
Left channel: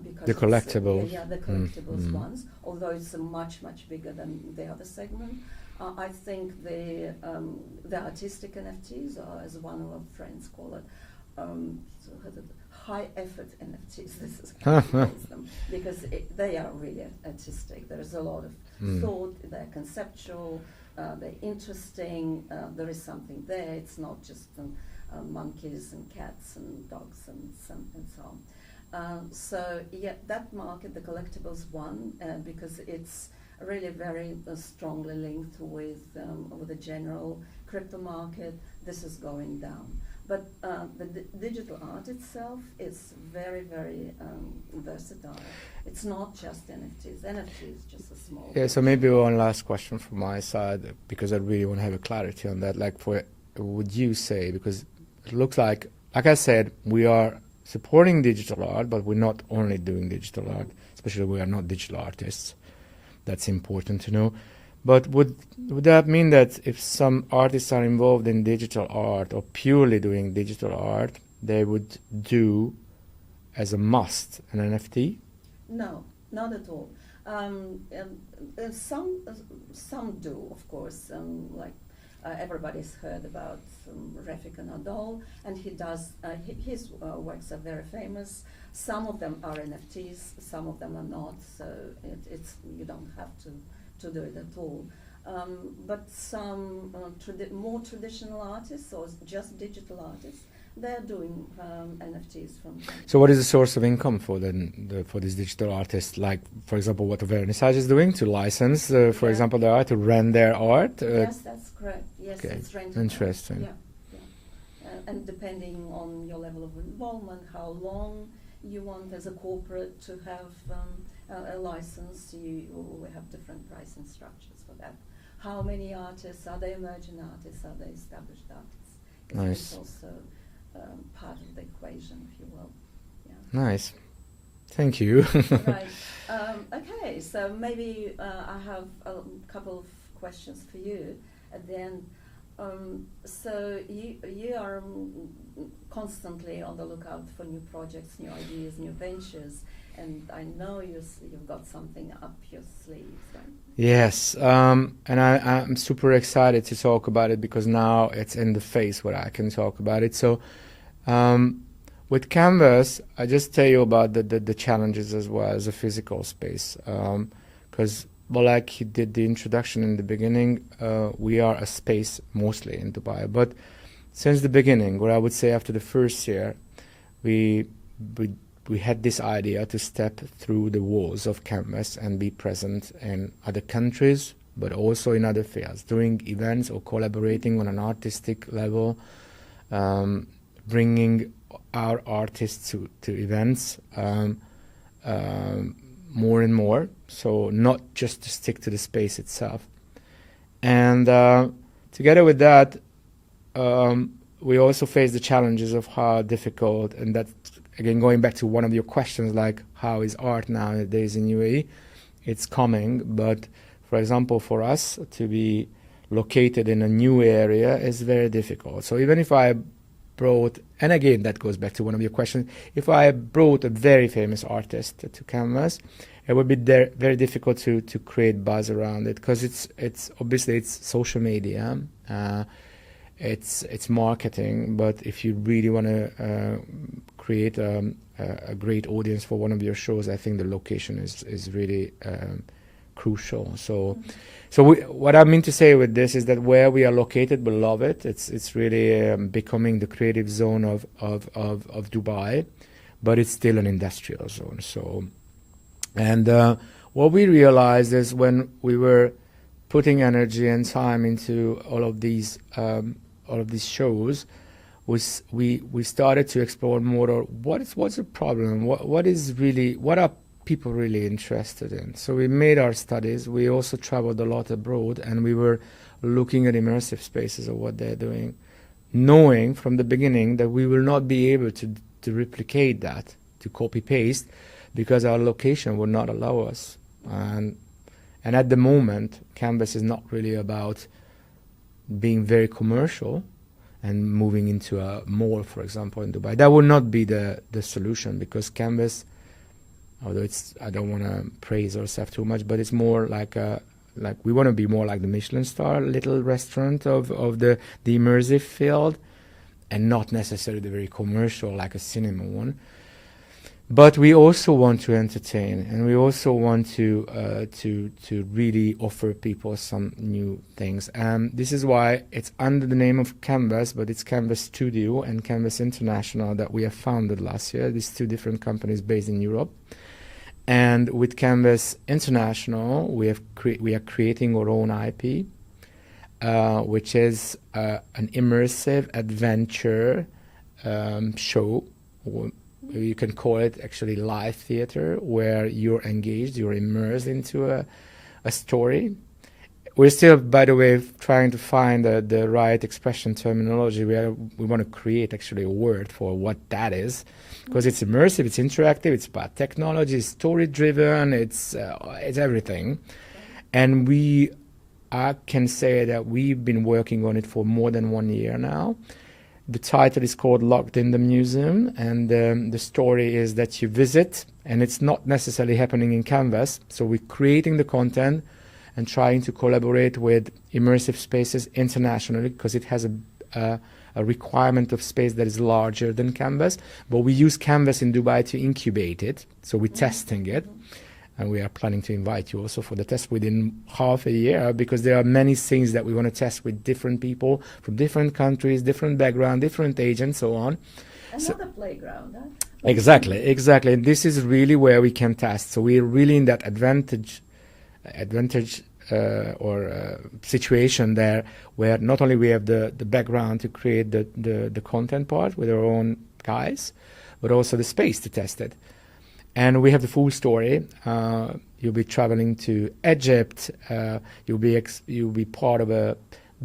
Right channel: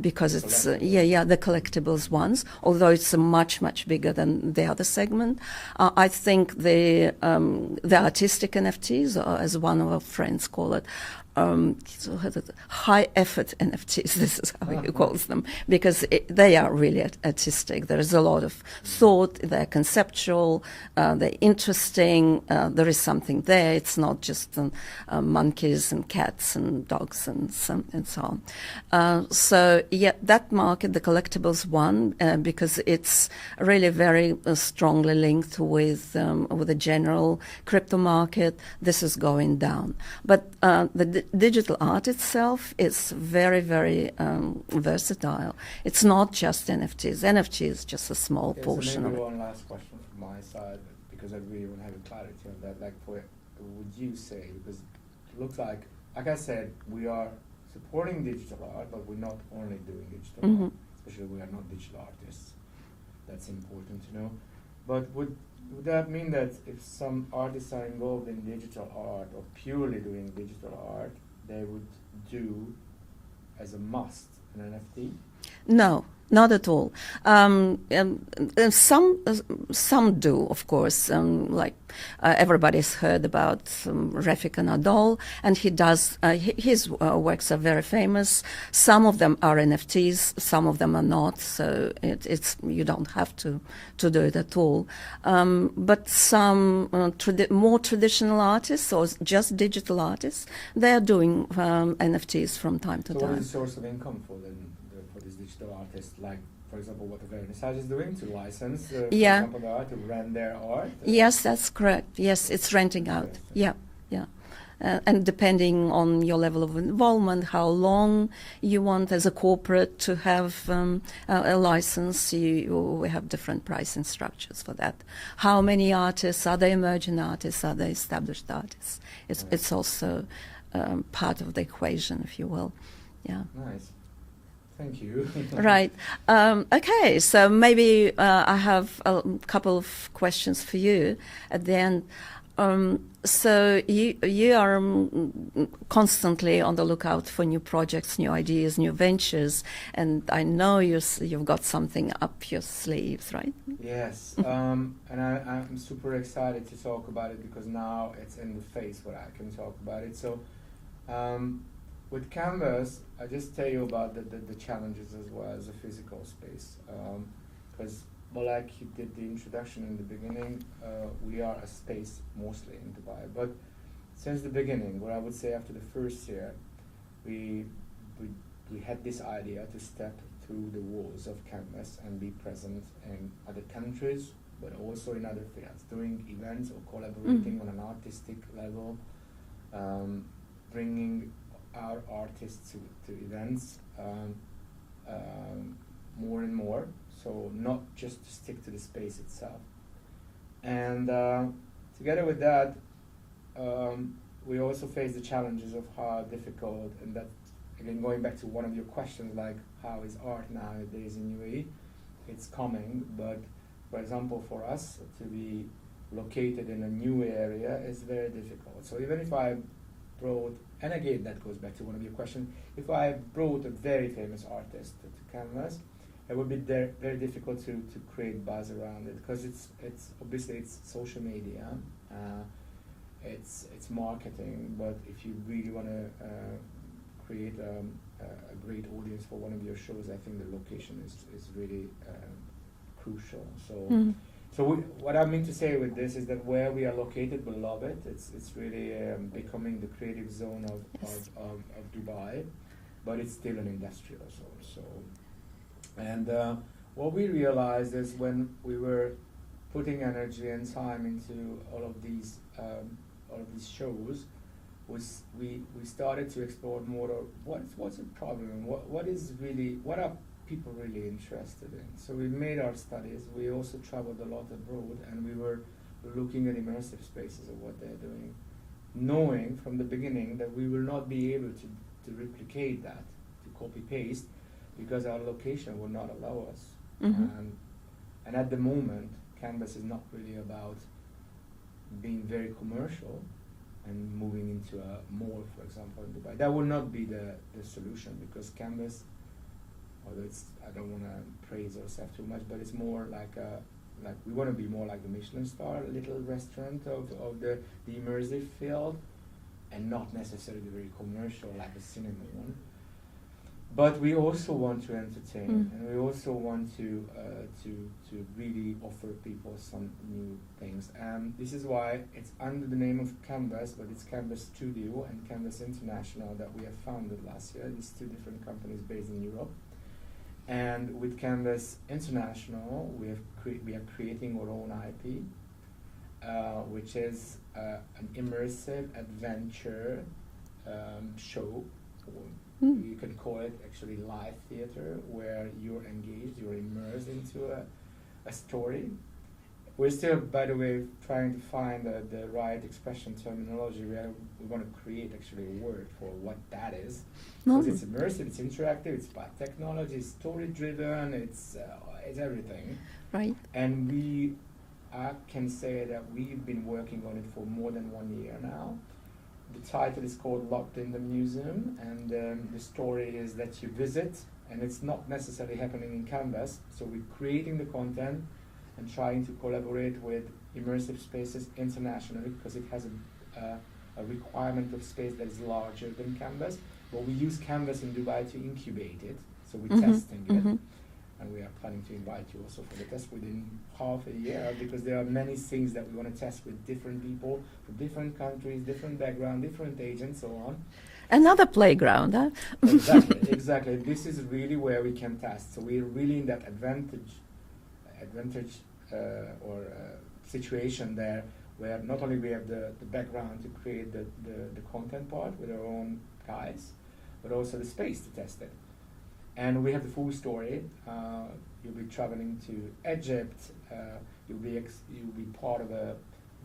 because the it's the collectibles ones, although it's much bigger than the other segment. I think the artistic NFTs, or as one of our friends call it, high effort NFTs, this is how he calls them, because they are really artistic. There is a lot of thought, they're conceptual, they're interesting, there is something there. It's not just monkeys and cats and dogs and so on. So that market, the collectibles one, because it's really very strongly linked with the general crypto market, this is going down. But the digital art itself is very versatile. It's not just NFTs. NFT is just a small portion. So maybe one last question from my side, because I really want to have a clarity on that. Like, would you say, because it looks like like I said, we are supporting digital art, but we're not only doing digital art, especially we are not digital artists. That's important to know. But would that mean that if some artists are involved in digital art or purely doing digital art, they would do as a must an NFT? No, not at all. Some do, of course. Like everybody's heard about Rafika Nadal, and he does. His works are very famous. Some of them are NFTs, some of them are not. So it's you don't have to do it at all. But some more traditional artists or just digital artists, they are doing NFTs from time to time. So what is the source of income for for these digital artists? Like, for example, what Vernissage is doing to license, for example, the art, to rent their art? Yes, that's correct. Yes, okay. It's renting out. Interesting. Yeah. And depending on your level of involvement, how long you want as a corporate to have a license, we have different pricing structures for that. How many artists? Are they emerging artists? Are they established artists? It's also part of the equation, if you will. Yeah. Nice. Thank you. Right. Okay, so maybe I have a couple of questions for you at the end. So you are constantly on the lookout for new projects, new ideas, new ventures, and I know you've got something up your sleeves, right? Yes, and I'm super excited to talk about it because now it's in the face where I can talk about it. So with Canvas, I just tell you about the challenges as well as a physical space, because well, like you did the introduction in the beginning, we are a space mostly in Dubai. But since the beginning, or I would say after the first year, we had this idea to step through the walls of Canvas and be present in other countries, but also in other fields, doing events or collaborating on an artistic level, bringing our artists to events. More and more, so not just to stick to the space itself. And together with that, we also face the challenges of how difficult, and that, again, going back to one of your questions, like how is art nowadays in UAE? It's coming, but for example, for us to be located in a new area is very difficult. So even if I brought, and again, that goes back to one of your questions, if I brought a very famous artist to Canvas, it would be very difficult to create buzz around it, because it's obviously it's social media, it's marketing, but if you really want to create a great audience for one of your shows, I think the location is really crucial. So what I mean to say with this is that where we are located, we love it. It's really becoming the creative zone of Dubai, but it's still an industrial zone. So, and what we realized is when we were putting energy and time into all of these shows, we started to explore more. What's the problem? What are people really interested in? So we made our studies. We also traveled a lot abroad, and we were looking at immersive spaces of what they're doing, knowing from the beginning that we will not be able to replicate that, to copy paste, because our location would not allow us. And at the moment, Canvas is not really about being very commercial and moving into a mall, for example, in Dubai. That would not be the solution, because Canvas, although I don't want to praise ourselves too much, but it's more like we want to be more like the Michelin star little restaurant of the immersive field, and not necessarily the very commercial like a cinema one. But we also want to entertain, and we also want to really offer people some new things. And this is why it's under the name of Canvas, but it's Canvas Studio and Canvas International that we have founded last year. These two different companies based in Europe. And with Canvas International, we are creating our own IP, which is an immersive adventure show. You can call it actually live theater, where you're engaged, you're immersed into a story. we're still, by the way, trying to find the right expression terminology. We want to create actually a word for what that is, because it's immersive, it's interactive, it's about technology, it's story-driven, it's everything. Right. And I can say that we've been working on it for more than 1 year now. The title is called Locked in the Museum, and the story is that you visit, and it's not necessarily happening in Canvas. So we're creating the content and trying to collaborate with immersive spaces internationally, because it has a requirement of space that is larger than Canvas. But we use Canvas in Dubai to incubate it, so we're testing it. And we are planning to invite you also for the test within half a year, because there are many things that we want to test with different people from different countries, different background, different age, and so on. Another playground, huh? Exactly. And this is really where we can test. So we're really in that advantage situation there, where not only we have the background to create the content part with our own guys, but also the space to test it. And we have the full story. You'll be traveling to Egypt. You'll be part of a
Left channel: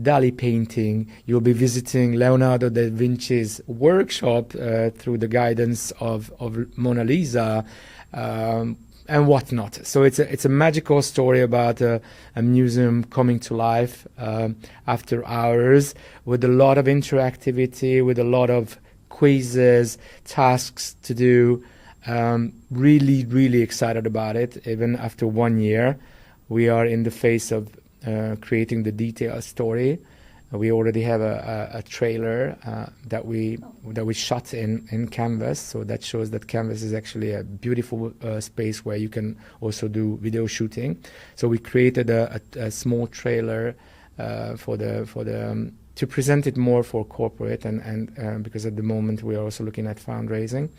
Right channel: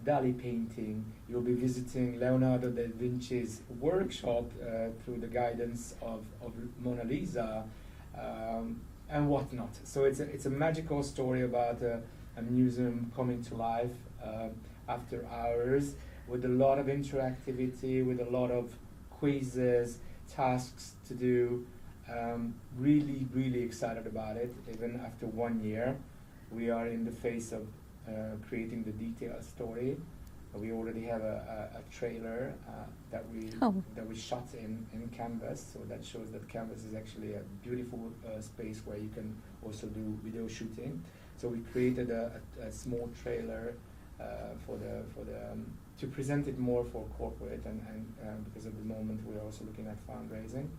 Dali painting. You'll be visiting Leonardo da Vinci's workshop through the guidance of Mona Lisa, and whatnot. So it's a magical story about a museum coming to life after hours, with a lot of interactivity, with a lot of quizzes, tasks to do. Really excited about it. Even after 1 year, we are in the phase of creating the detailed story. We already have a trailer that we shot in Canvas, so that shows that Canvas is actually a beautiful space where you can also do video shooting. So we created a small trailer to present it more for corporate, and because at the moment we are also looking at fundraising.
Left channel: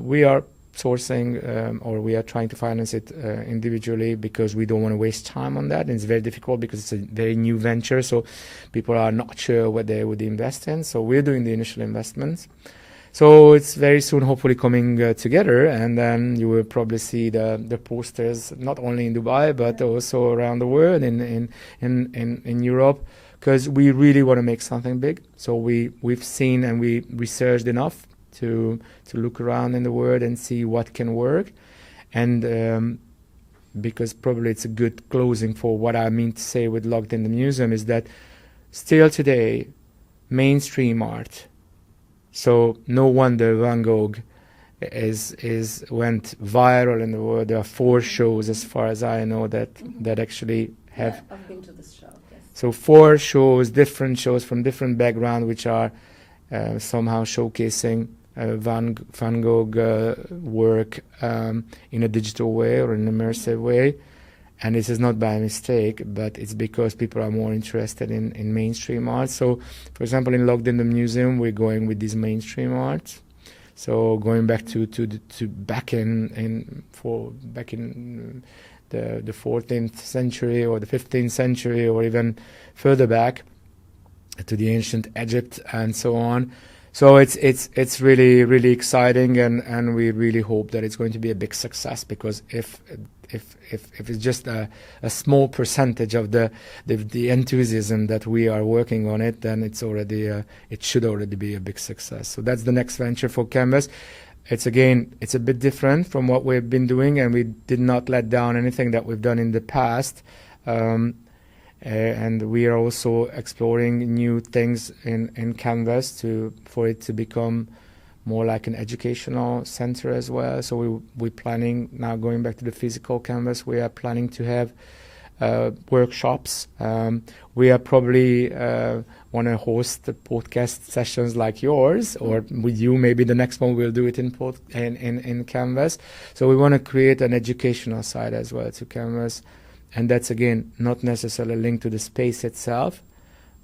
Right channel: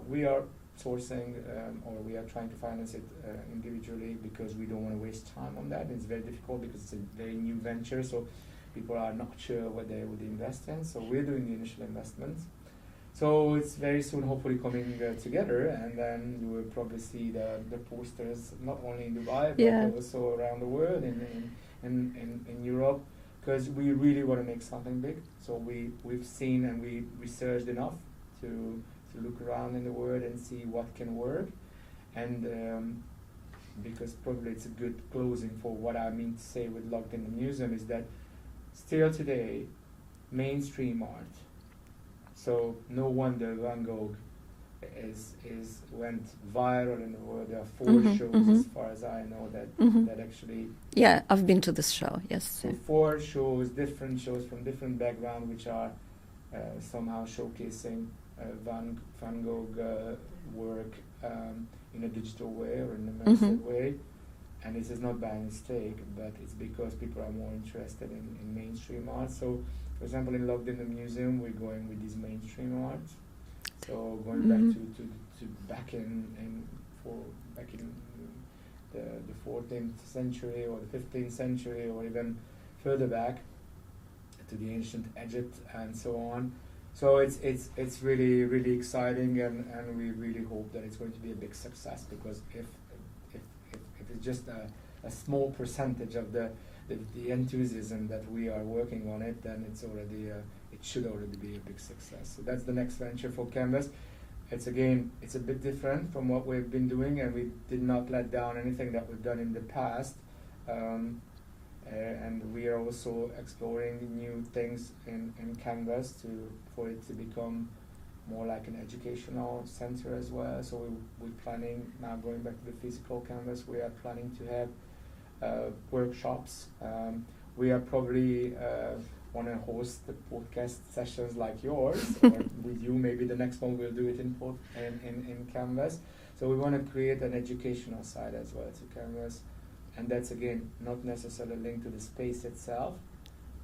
We are sourcing or we are trying to finance it individually, because we don't want to waste time on that. And it's very difficult because it's a very new venture, so people are not sure what they would invest in. So we're doing the initial investments. So it's very soon hopefully coming together, and then you will probably see the posters not only in Dubai but also around the world, in Europe, because we really want to make something big. So we've seen and we researched enough to look around in the world and see what can work. And because probably it's a good closing for what I mean to say with Locked in the Museum, is that still today, mainstream art, so no wonder Van Gogh went viral in the world. There are 4 shows, as far as I know, that actually Yeah, I've been to this show, yes. So 4 shows, different shows from different background, which are somehow showcasing Van Gogh work in a digital way or an immersive way. And this is not by mistake, but it's because people are more interested in mainstream art. So, for example, in Locked in the Museum, we're going with these mainstream arts. So going back to back in the 14th century or the 15th century, or even further back to the ancient Egypt and so on. So it's really exciting, and we really hope that it's going to be a big success, because if it's just a small percentage of the enthusiasm that we are working on it, then it should already be a big success. So that's the next venture for Canvas. It's a bit different from what we've been doing, and we did not let down anything that we've done in the past. And we are also exploring new things in Canvas for it to become more like an educational center as well. So we're planning, now going back to the physical Canvas, we are planning to have workshops. We are probably want to host the podcast sessions like yours, or with you, maybe the next one we'll do it in Canvas. So we want to create an educational side as well to Canvas. And that's, again, not necessarily linked to the space itself,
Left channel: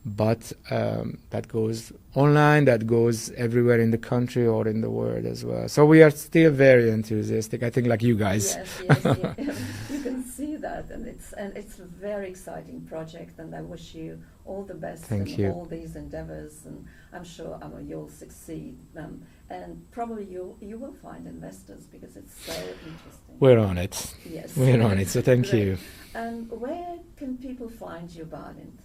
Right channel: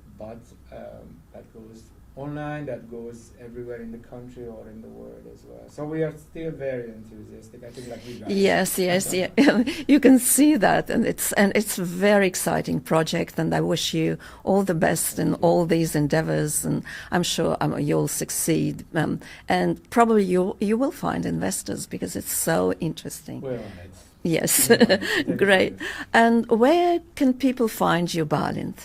but that goes online, that goes everywhere in the country or in the world as well. So we are still very enthusiastic, I think, like you guys. Yes, yes, yeah. You can see that, and it's a very exciting project, and I wish you all the best Thank in you. all these endeavors, and I'm sure you'll succeed, and probably you will find investors because it's so interesting. We're on it. Yes. We're on it, so thank Great. you. And where can people find you, Balint?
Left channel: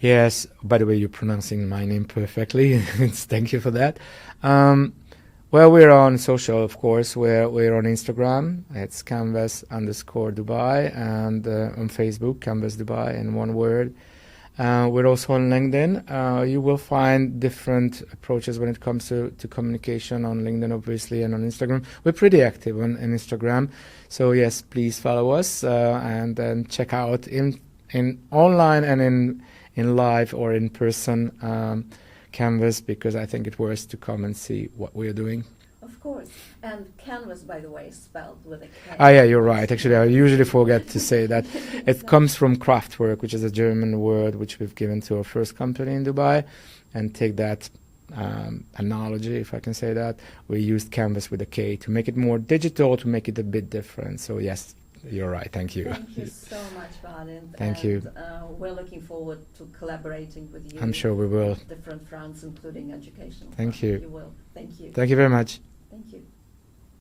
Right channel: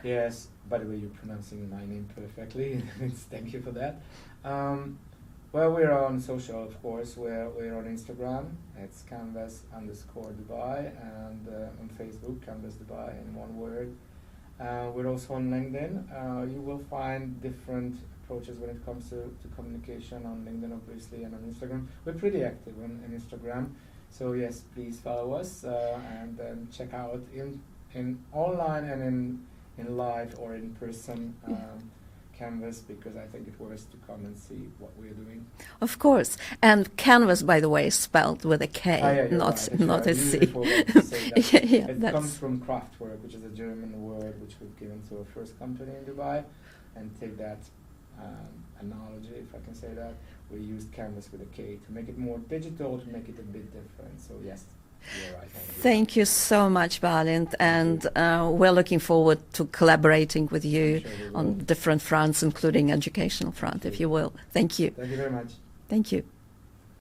Yes, by the way, you're pronouncing my name perfectly. Thank you for that. Well, we're on social, of course. We're on Instagram. It's kanvas_Dubai, and on Facebook, Canvas Dubai in one word. We're also on LinkedIn. You will find different approaches when it comes to communication on LinkedIn, obviously, and on Instagram. We're pretty active on Instagram. So yes, please follow us and then check out in online and in live or in person Canvas, because I think it's worth to come and see what we're doing. Of course. And canvas, by the way, is spelled with a K. Ah, yeah, you're right. Actually, I usually forget to say that. Yeah, it comes from Kraftwerk, which is a German word which we've given to our first company in Dubai. And take that analogy, if I can say that, we used canvas with a K to make it more digital, to make it a bit different. So yes, you're right. Thank you. Thank you so much, Balint, Thank and we're looking forward to collaborating with you. I'm sure we will. On different fronts, including educational front, if you will. Thank you. Thank you very much. Thank you.